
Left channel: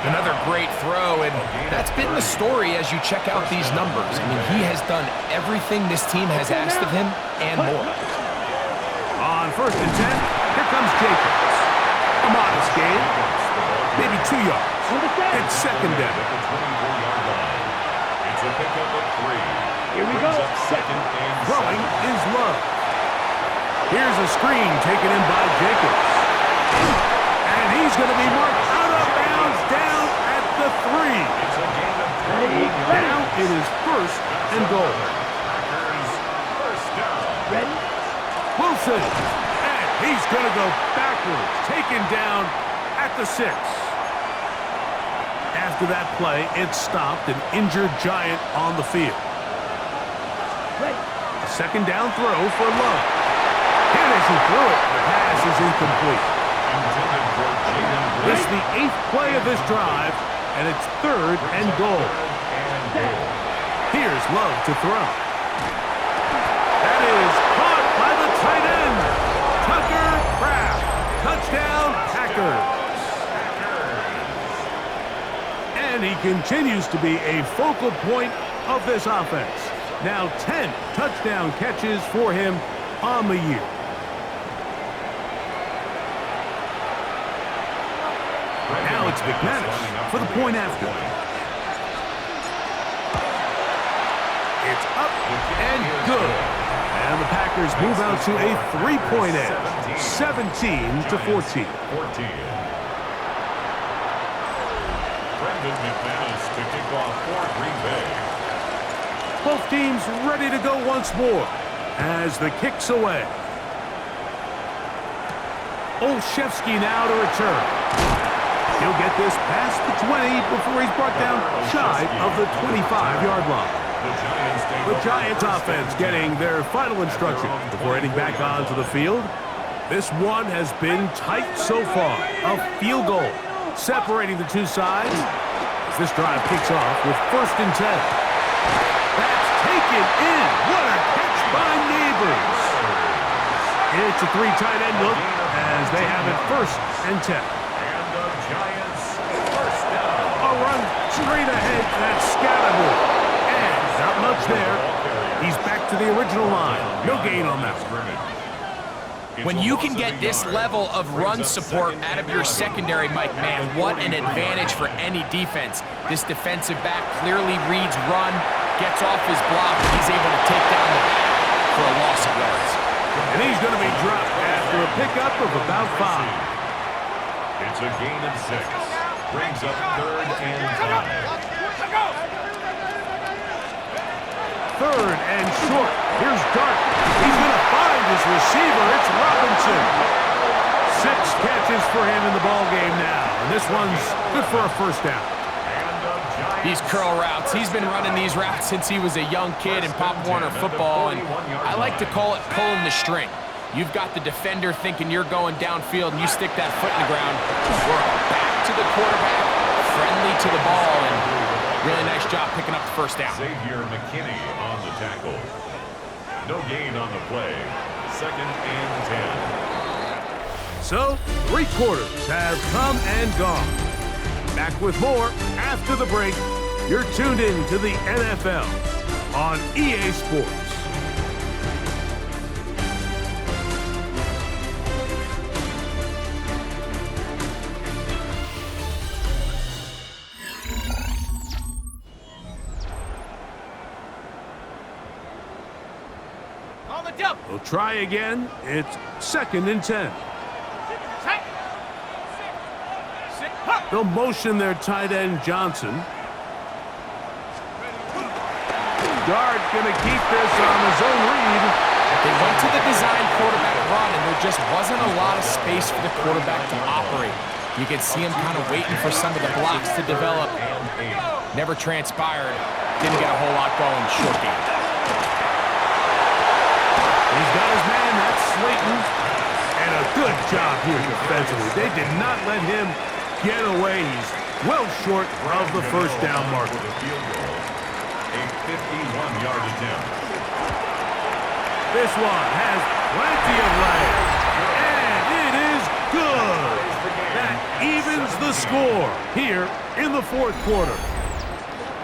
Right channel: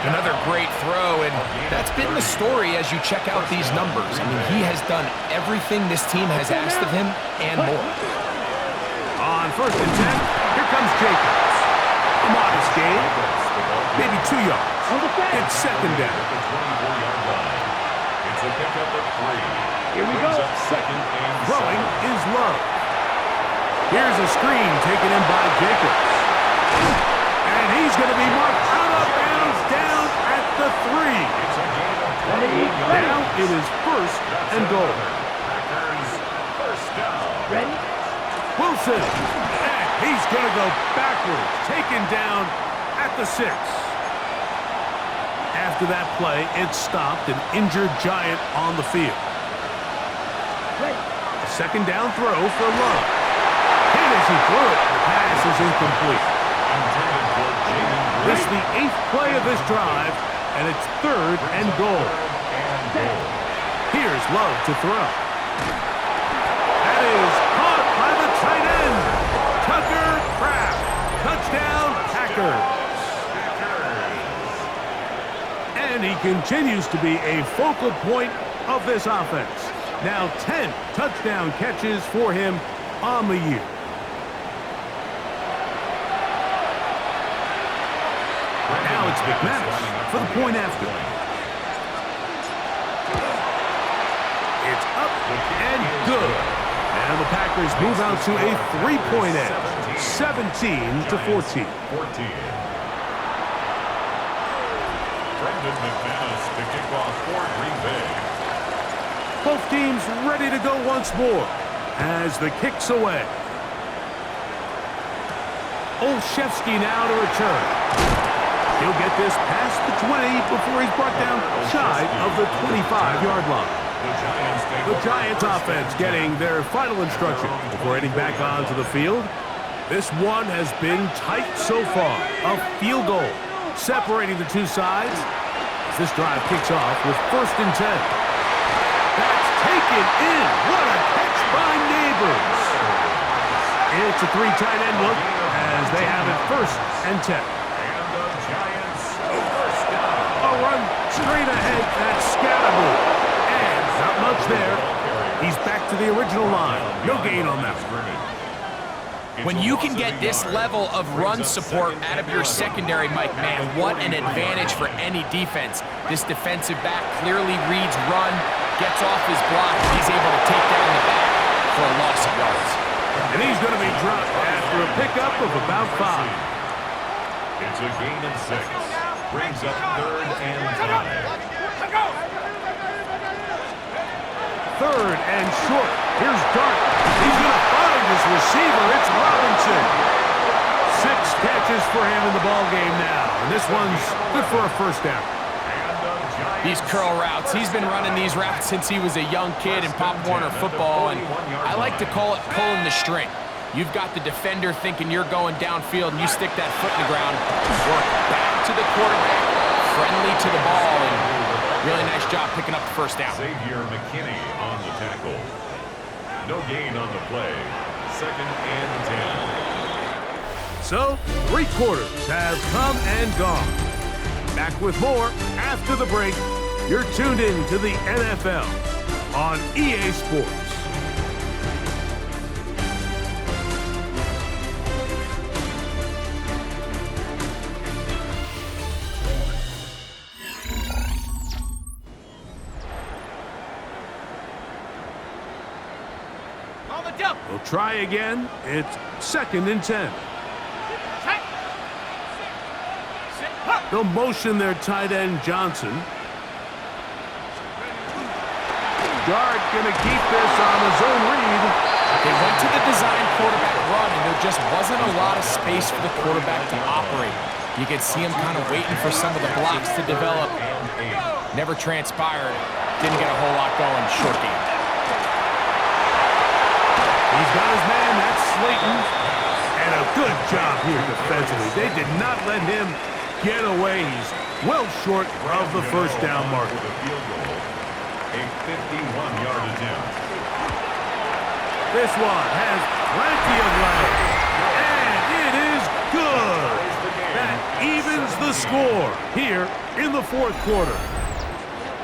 Another great throw, and that's been the story as you check out these numbers. I mean, he has done everything this team has asked of him and more. On 1st and 10, here comes Jacobs. A modest gain, maybe 2 yards. It's second down. At the 24-yard line. It's a pickup of 3. Here we go. Brings up second and Throwing 7. is Love. Here's a screen taken in by Jacobs. And he's going to be marked out of bounds down at the 3. It's a gain of 21 yards. Now it is 1st and goal. Packers first down. Ready? Wilson. And he's going to go backwards. Taken down at the 6. After that play, it stopped an injured Giant on the field. Ready? A second down throw for Love. And as he threw it, the pass is incomplete. Intended for Jaden This is Green. the 8th play of this drive, and it's 3rd and goal. And goal. Here's Love to throw. That is caught by the tight end, Tucker Kraft. Touchdown, Packers. And he continues to be a focal point of this offense. Now 10 touchdown catches for him on the year. Now it's McManus for the point after. It's up and good. And the Packers move out to a 3-point edge, 17-14. 14. Brendan McManus to kick off for Green Bay. Both teams ready to go once more as the kick's away. Olszewski now to return. He'll get this past the 20 before he's brought down shy of the 25-yard line. The Giants offense getting their final instruction before heading back onto the field. This one has been tight so far. A field goal separating the two sides as this drive kicks off with 1st and 10. That's taken in. What a catch by Neighbors. It's a 3 tight end look as they have it 1st and 10. And the Giants first down. A run straight ahead. That's Scatterbo. And not much there. He's back to the original line. No gain on that one. When you can get this level of run support out of your secondary, Mike, man, what an advantage for any defense. This defensive back clearly reads run, gets off his block, and he's able to take down the back for a loss of yards. And he's going to be dropped after a pickup of about 5. It's a gain of 6. Brings up 3rd and 5. 3rd and short. Here's Dart. He's going to find his receiver. It's Robinson. 6 catches for him in the ball game now. And this one's good for a 1st down. These curl routes, he's been running these routes since he was a young kid in Pop Warner football, and I like to call it pulling the string. You've got the defender thinking you're going downfield, and you stick that foot in the ground, work back to the quarterback, friendly to the ball, and really nice job picking up the 1st down. Xavier McKinney on the tackle. No gain on the play. 2nd and 10. So, 3 quarters have come and gone. Back with more after the break. You're tuned in to the NFL on EA Sports. On the double. We'll try again. It's 2nd and 10. Set. Sit. Huh. They'll motion their tight end, Johnson. Dart going to keep this on his own read. They went to the design quarterback run, and there just wasn't a lot of space for the quarterback to operate. You could see him kind of waiting for some of the blocks to develop. Never transpired. Didn't get a whole lot going. Short game. He's got his man. That's Slayton. And And a good job here defensively. They did not let him get away. He's well short of the first down marker. With a field goal, a 51-yard attempt. This one has plenty of legs, and it is good. That evens the score here in the fourth quarter.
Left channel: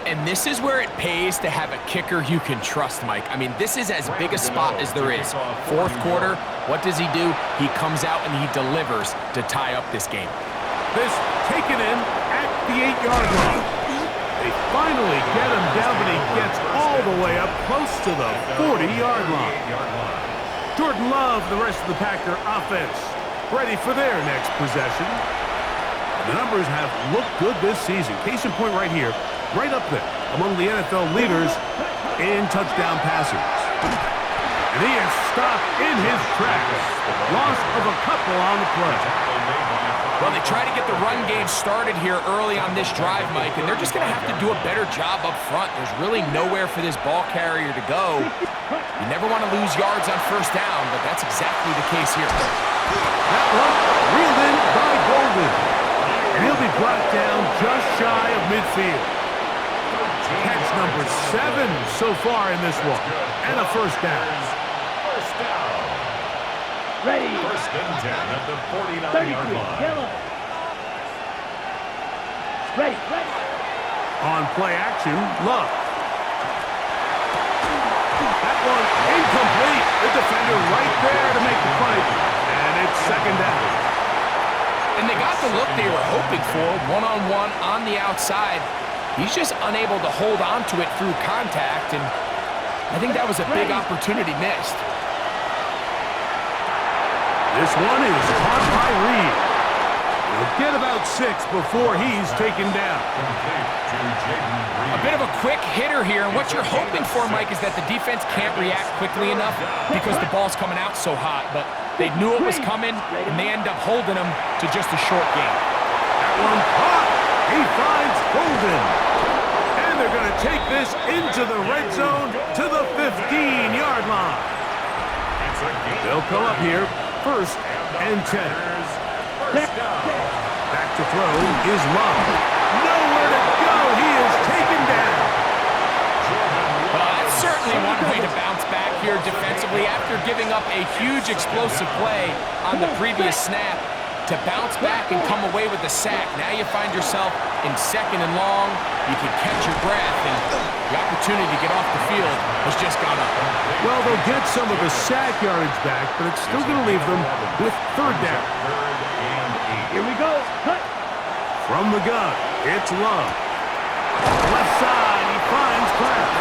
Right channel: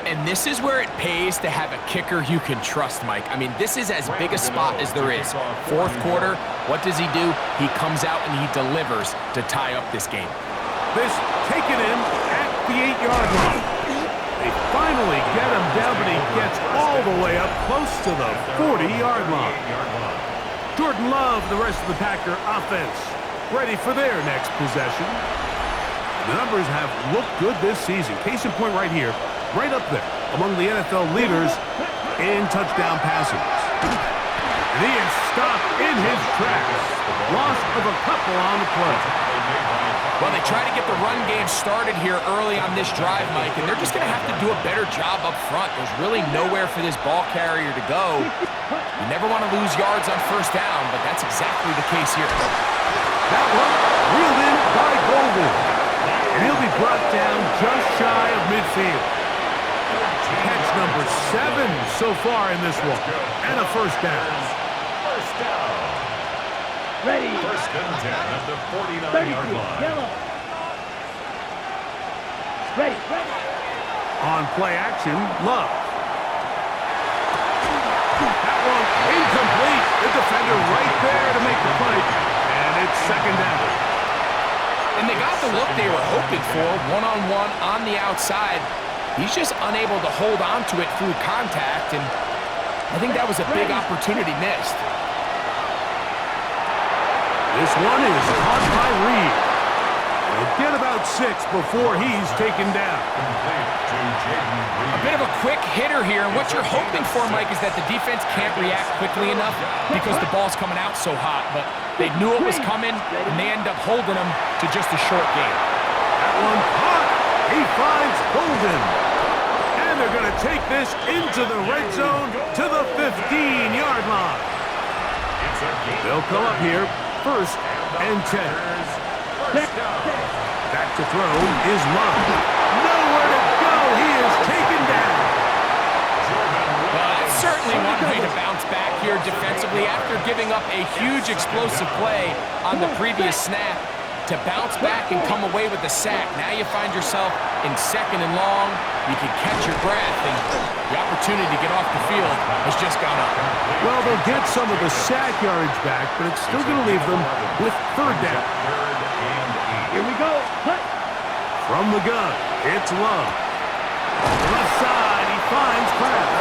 And this is where it pays to have a kicker you can trust, Mike. I mean, this is as big a spot as there is. Fourth quarter, what does he do? He comes out and he delivers to tie up this game. This taken in at the 8-yard line. They finally get him down, but he gets all the way up close to the 40-yard line. Jordan Love, the rest of the Packer offense, ready for their next possession. And the numbers have looked good this season. Case in point right here, right up there among the NFL leaders in touchdown passing. And he is stopped in his tracks. Loss of a couple on the play. Well, they try to get the run game started here early on this drive, Mike, and they're just going to have to do a better job up front. There's really nowhere for this ball carrier to go. You never want to lose yards on first down, but that's exactly the case here. That one reeled in by Golden. And he'll be brought down just shy of midfield. Catch number 7 so far in this one. And a first down. First down. Ready. First and 10 at the 49-yard line. Yellow. Ready. Ready. On play action, Love. That one incomplete. The defender right there to make the play. And it's second down. And they got the look they were hoping for, one-on-one on the outside. He's just unable to hold on to it through contact, and I think that was a big opportunity missed. This one is caught by Reed. He'll get about 6 before he's taken down. Complete to Jaden Reed. A bit of a quick hitter here, and what you're hoping for, Mike, is that the defense can't react quickly enough because the ball's coming out so hot, but they knew it was coming, and they end up holding them to just a short gain. That one caught. He finds Golden. And they're going to take this into the red zone to the 15-yard line. It's a gain. They'll come up here, first and 10. First down. Back to throw is Love. Nowhere to go. He is taken down. Well, that's certainly one way to bounce back here defensively after giving up a huge explosive play on the previous snap. To bounce back and come away with the sack. Now you find yourself in second and long. You can catch your breath, and the opportunity to get off the field has just gone up. Well, they'll get some of the sack yardage back, but it's still going to leave them with third down. Third and 8. Here we go. Cut. From the gun, it's Love. Left side, he finds Kraft.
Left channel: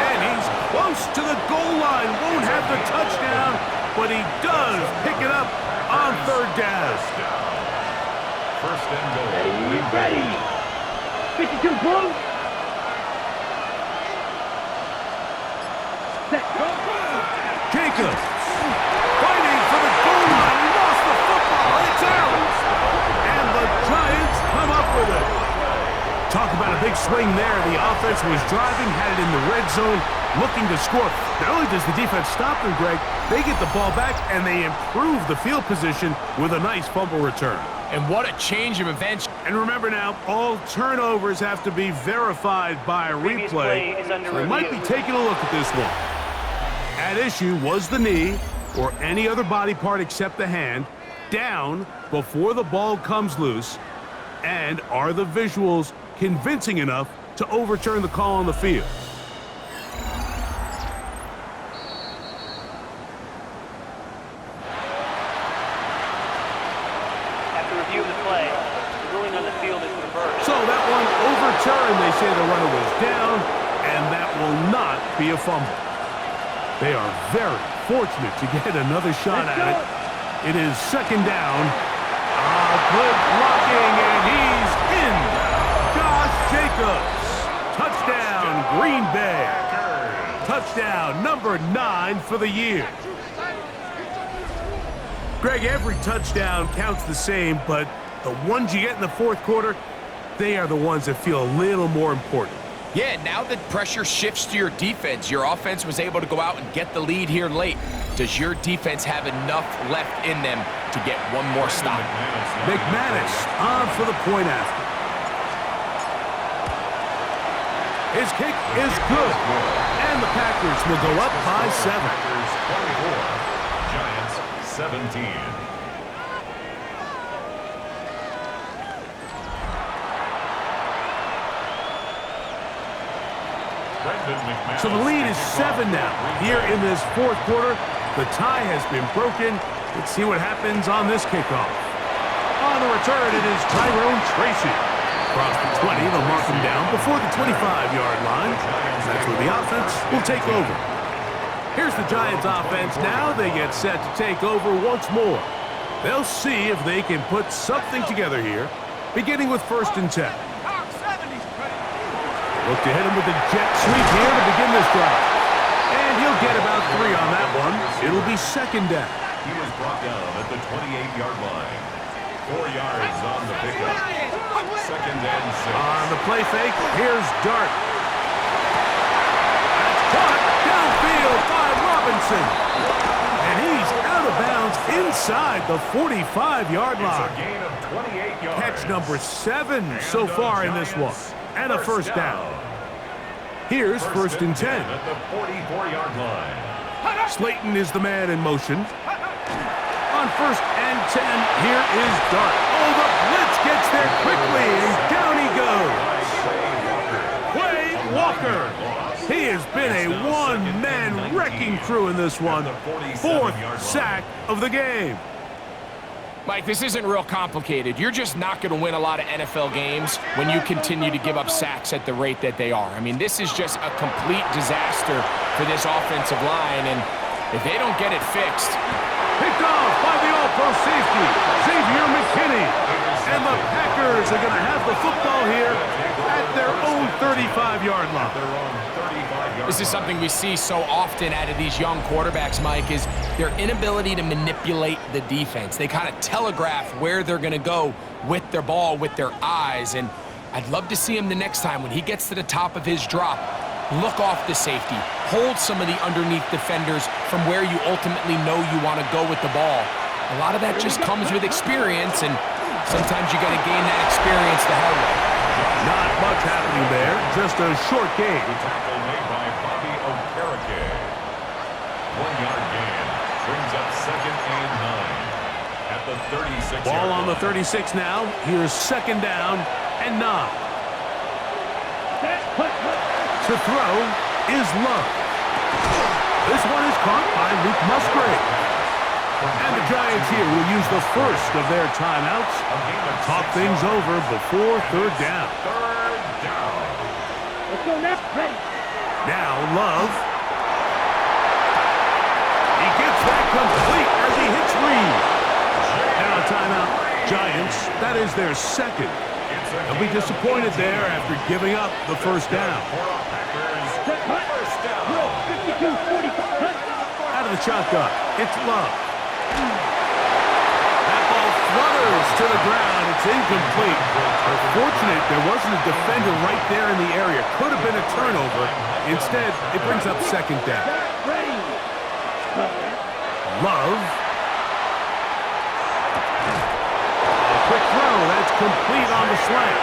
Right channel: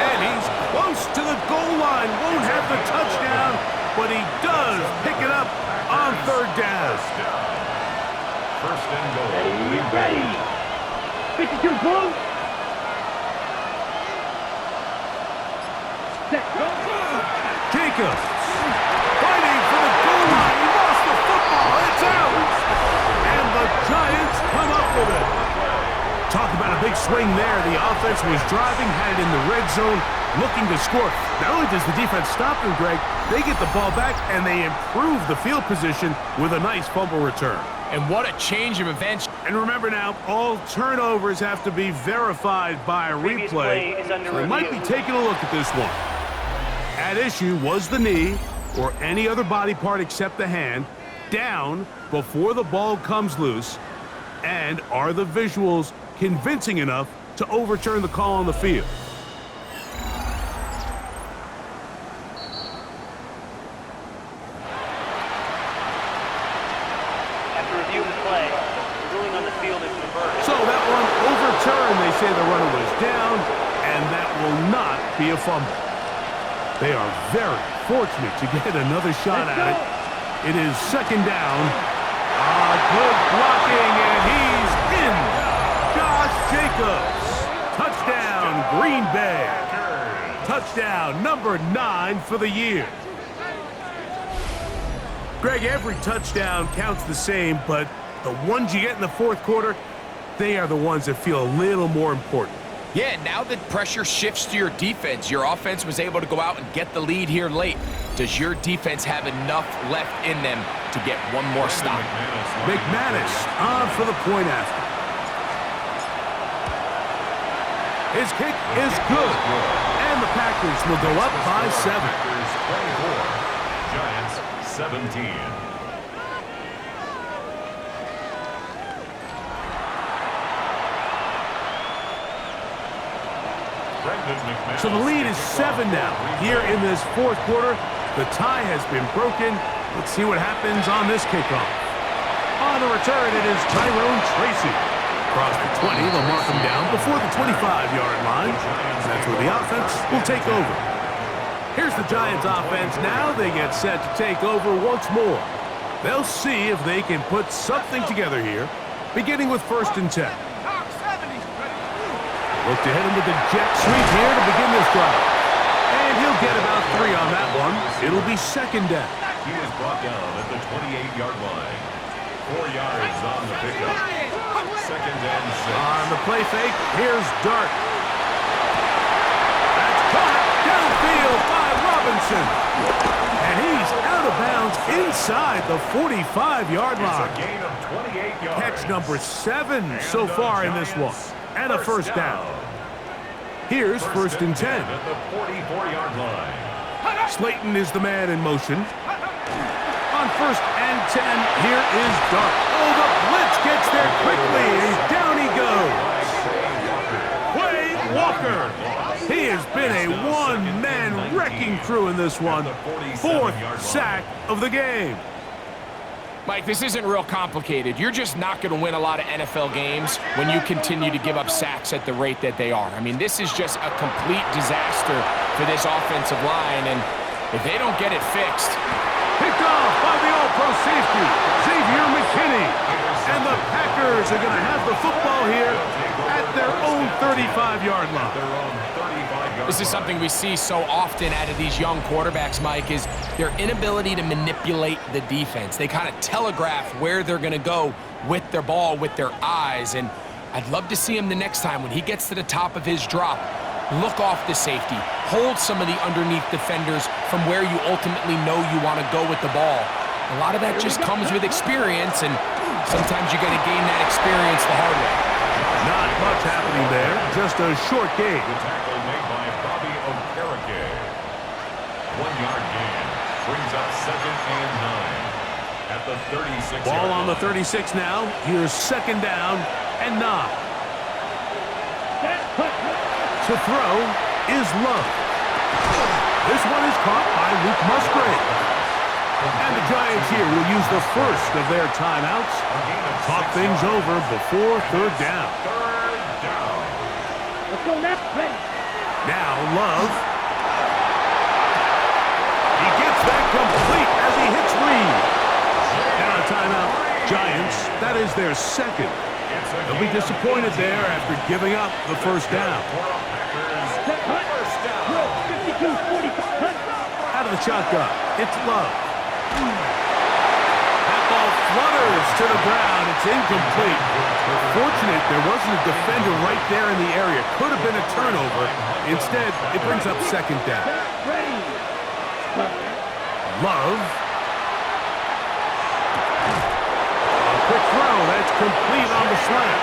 And he's close to the goal line. Won't have the touchdown, but he does pick it up on third down. First and goal. Ready. 52 blue. Set. Go. Jacobs fighting for the goal line. He lost the football. It's out. And the Giants come up with it. Talk about a big swing there. The offense was driving, had it in the red zone, looking to score. Not only does the defense stop them, Greg, they get the ball back and they improve the field position with a nice fumble return. And what a change of events. And remember now, all turnovers have to be verified by a replay. So we might be taking a look at this one. At issue was the knee or any other body part except the hand down before the ball comes loose. And are the visuals convincing enough to overturn the call on the field? After review of the play, the ruling on the field is reversed. So that one overturned. They say the runner was down, and that will not be a fumble. They are very fortunate to get another shot at it. It is second down. Good blocking, and he's in. Josh Jacobs. Touchdown, Green Bay. Touchdown number 9 for the year. Greg, every touchdown counts the same, but the ones you get in the fourth quarter, they are the ones that feel a little more important. Yeah, now that pressure shifts to your defense, your offense was able to go out and get the lead here late. Does your defense have enough left in them to get one more stop? McManus on for the point after. His kick is good, and the Packers will go up by 7. Packers 24, Giants 17. So the lead is 7 now. Here in this fourth quarter, the tie has been broken. Let's see what happens on this kickoff. On the return, it is Tyrone Tracy. Across the 20, they'll mark him down before the 25-yard line. That's where the offense will take over. Here's the Giants offense now. They get set to take over once more. They'll see if they can put something together here, beginning with 1st and 10. Look to hit him with a jet sweep here to begin this drive. And he'll get about 3 on that one. It'll be 2nd down. He was brought down at the 28-yard line. 4 yards on the pickup. 2nd and 6. On the play fake, here's Dart. That's caught downfield by Robinson. And he's out of bounds inside the 45-yard line. It's a gain of 28 yards. Catch number 7 so far in this one. And a 1st down. Here's 1st and 10. At the 44-yard line. Slayton is the man in motion. On 1st and 10, here is Dart. Oh, the blitz gets there quickly, and down he goes. Quay Walker. He has been a one-man wrecking crew in this one. 4th sack of the game. Mike, this isn't real complicated. You're just not going to win a lot of NFL games when you continue to give up sacks at the rate that they are. I mean, this is just a complete disaster for this offensive line, and if they don't get it fixed... Picked off by the all-pro safety, Xavier McKinney. And the Packers are going to have the football here at their own 35-yard line. This is something we see so often out of these young quarterbacks, Mike, is their inability to manipulate the defense. They kind of telegraph where they're going to go with their ball, with their eyes. And I'd love to see him the next time when he gets to the top of his drop. Look off the safety. Hold some of the underneath defenders from where you ultimately know you want to go with the ball. A lot of that just comes with experience, and sometimes you got to gain that experience the hard way. Not much happening there. Just a short gain. The tackle made by Bobby Okereke. 1-yard gain. Brings up 2nd and 9. At the 36-yard line. Ball on the 36 now. Here's 2nd down and 9. To throw is Love. This one is caught by Luke Musgrave. And the Giants here will use the first of their timeouts. Talk things over before 3rd down. 3rd down. Let's go now. Ready. Now Love. He gets that complete as he hits Reed. Now a timeout. Giants, that is their 2nd. They'll be disappointed there after giving up the 1st down. First down. 52-45. Out of the shotgun, it's Love. That ball flutters to the ground. It's incomplete. Fortunate there wasn't a defender right there in the area. Could have been a turnover. Instead, it brings up 2nd down. Ready. Love. Quick throw, that's complete on the slant.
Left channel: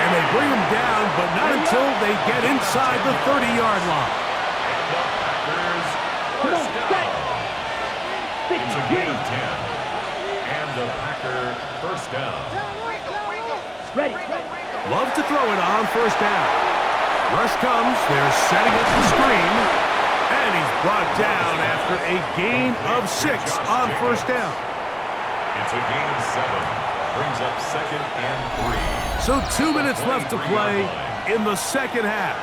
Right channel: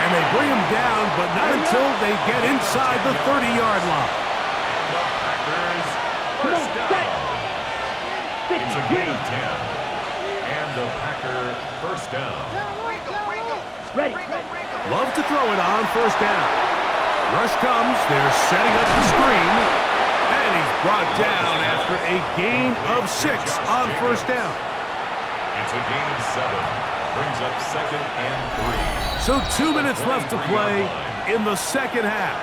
And they bring him down, but not until they get inside the 30-yard line. And the Packers Come on, first set. down. It's a gain of 10. And the Packer first down. Ready. Love to throw it on 1st down. Rush comes, they're setting up the screen. And he's brought down after a gain of 6 on 1st down. It's a gain of 7. Brings up 2nd and 3. So 2 minutes left to play in the 2nd half.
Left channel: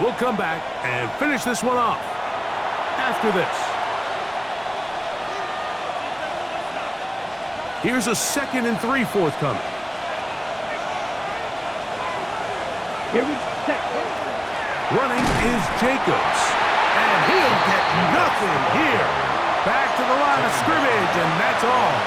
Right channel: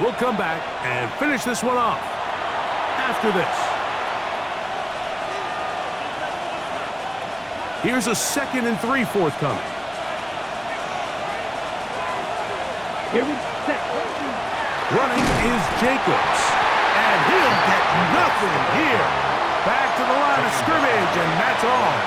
We'll come back and finish this one off after this. Here's a 2nd and 3 forthcoming. Here we set. Running is Jacobs. And he'll get nothing here. Back to the line of scrimmage, and that's all.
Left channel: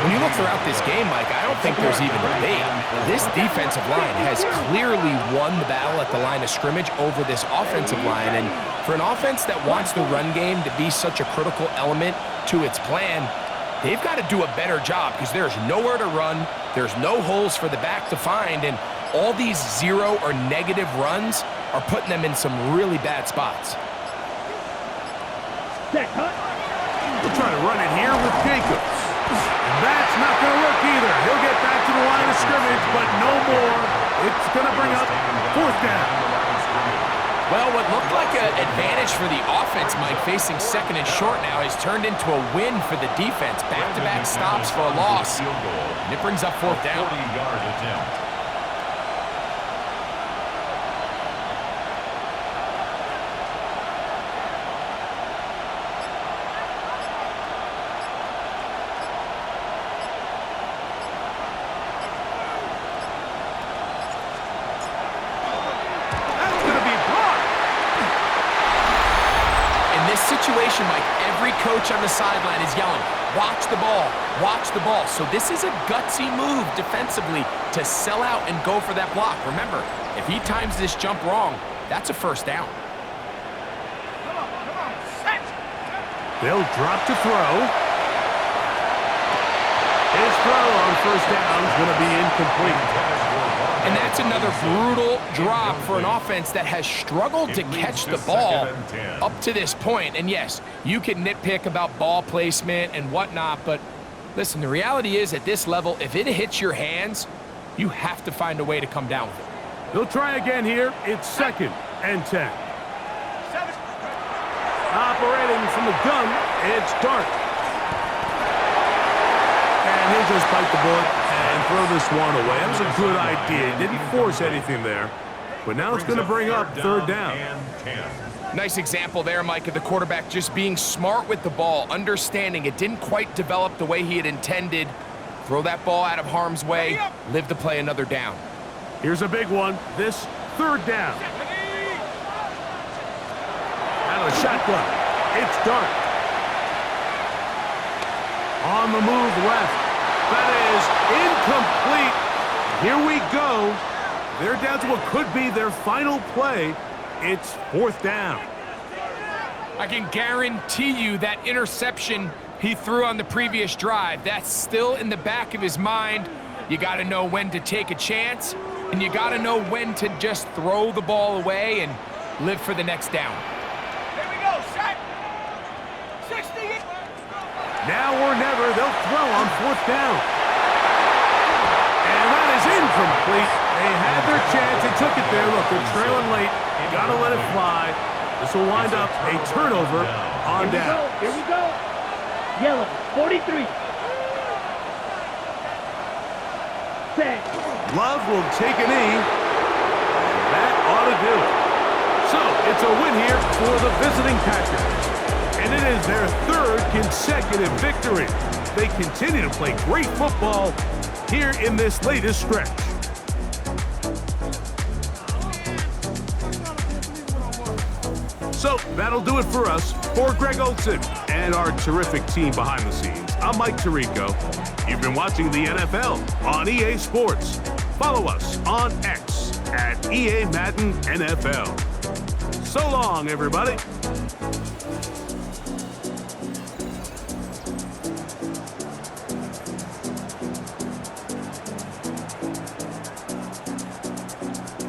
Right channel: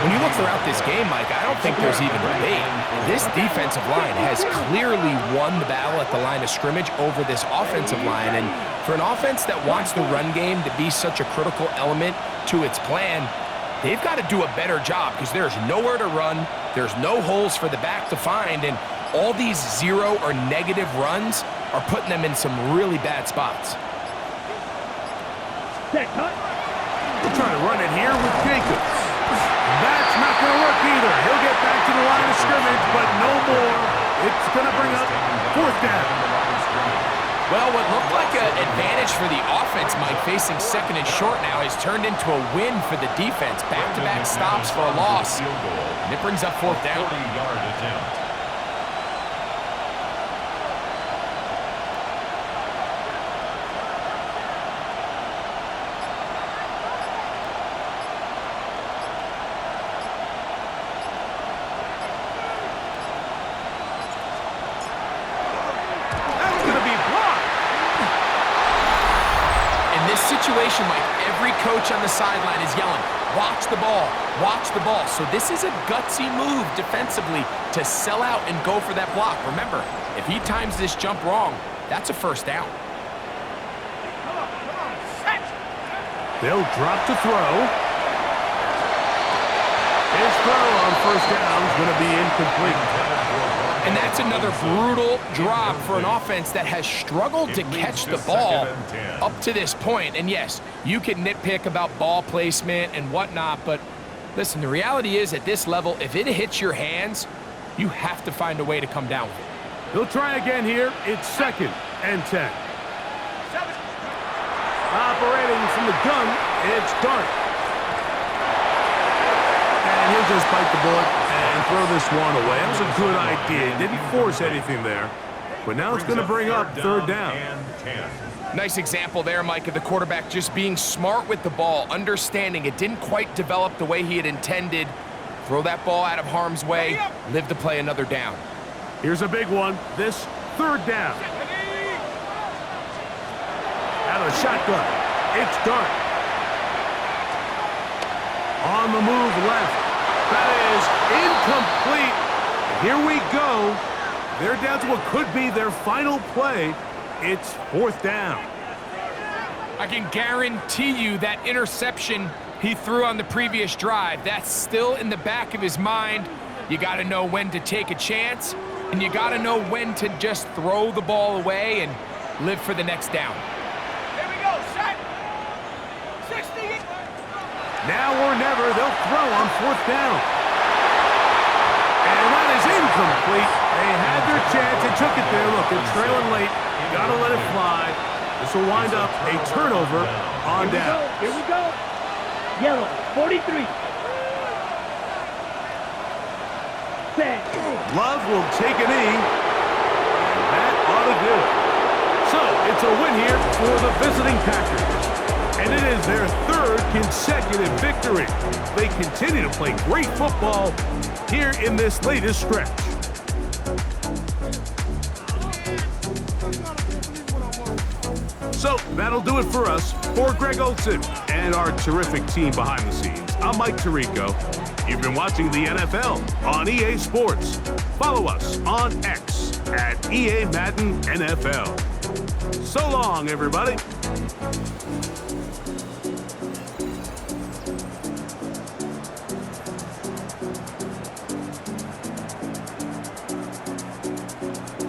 When you look throughout this game, Mike, I don't think there's even debate. This defensive line has clearly won the battle at the line of scrimmage over this offensive line. And for an offense that wants the run game to be such a critical element to its plan, they've got to do a better job because there's nowhere to run, there's no holes for the back to find, and all these zero or negative runs are putting them in some really bad spots. Set, cut. We'll try to run it here with Jacobs. And that's not going to work either. He'll get back to the line of scrimmage, but no more. It's going to bring up 4th down. Well, what looked like an advantage for the offense, Mike, facing 2nd and short now, has turned into a win for the defense. Back-to-back stops for a loss. And it brings up 4th down. 40-yard attempt. Situation, Mike, every coach on the sideline is yelling, watch the ball, watch the ball. So this is a gutsy move defensively to sell out and go for that block. Remember, if he times this jump wrong, that's a 1st down. Come on, set. They'll drop to throw. His throw on 1st down is going to be incomplete. And that's another brutal drop for an offense that has struggled to catch the ball up to this point. And yes, you can nitpick about ball placement and whatnot, but listen, the reality is at this level, if it hits your hands, you have to find a way to come down with it. He'll try again here. It's 2nd and 10. 7. Operating from the gun, it's Dart. And he'll just bite the bullet and throw this one away. That was a good idea. He didn't force anything there. But now it's going to bring up 3rd down. Nice example there, Mike, of the quarterback just being smart with the ball, understanding it didn't quite develop the way he had intended. Throw that ball out of harm's way, live to play another down. Here's a big one. This 3rd down. Out of the shotgun. It's Dart. On the move left. That is incomplete. And here we go. They're down to what could be their final play. It's 4th down. I can guarantee you that interception he threw on the previous drive, that's still in the back of his mind. You got to know when to take a chance, and you got to know when to just throw the ball away and live for the next down. Here we go, set. 60. Now or never, they'll throw on 4th down. And that is incomplete. They had their chance. They took it there. Look, they're trailing late. Got to let it fly. This will wind up a turnover on down. Here we go. Yellow, 43. Set. Love will take a knee. And that ought to do it. So, it's a win here for the visiting Packers. And it is their 3rd consecutive victory. They continue to play great football here in this latest stretch. So that'll do it for us. For Greg Olsen and our terrific team behind the scenes, I'm Mike Tirico. You've been watching the NFL on EA Sports. Follow us on X at EA Madden NFL. So long, everybody.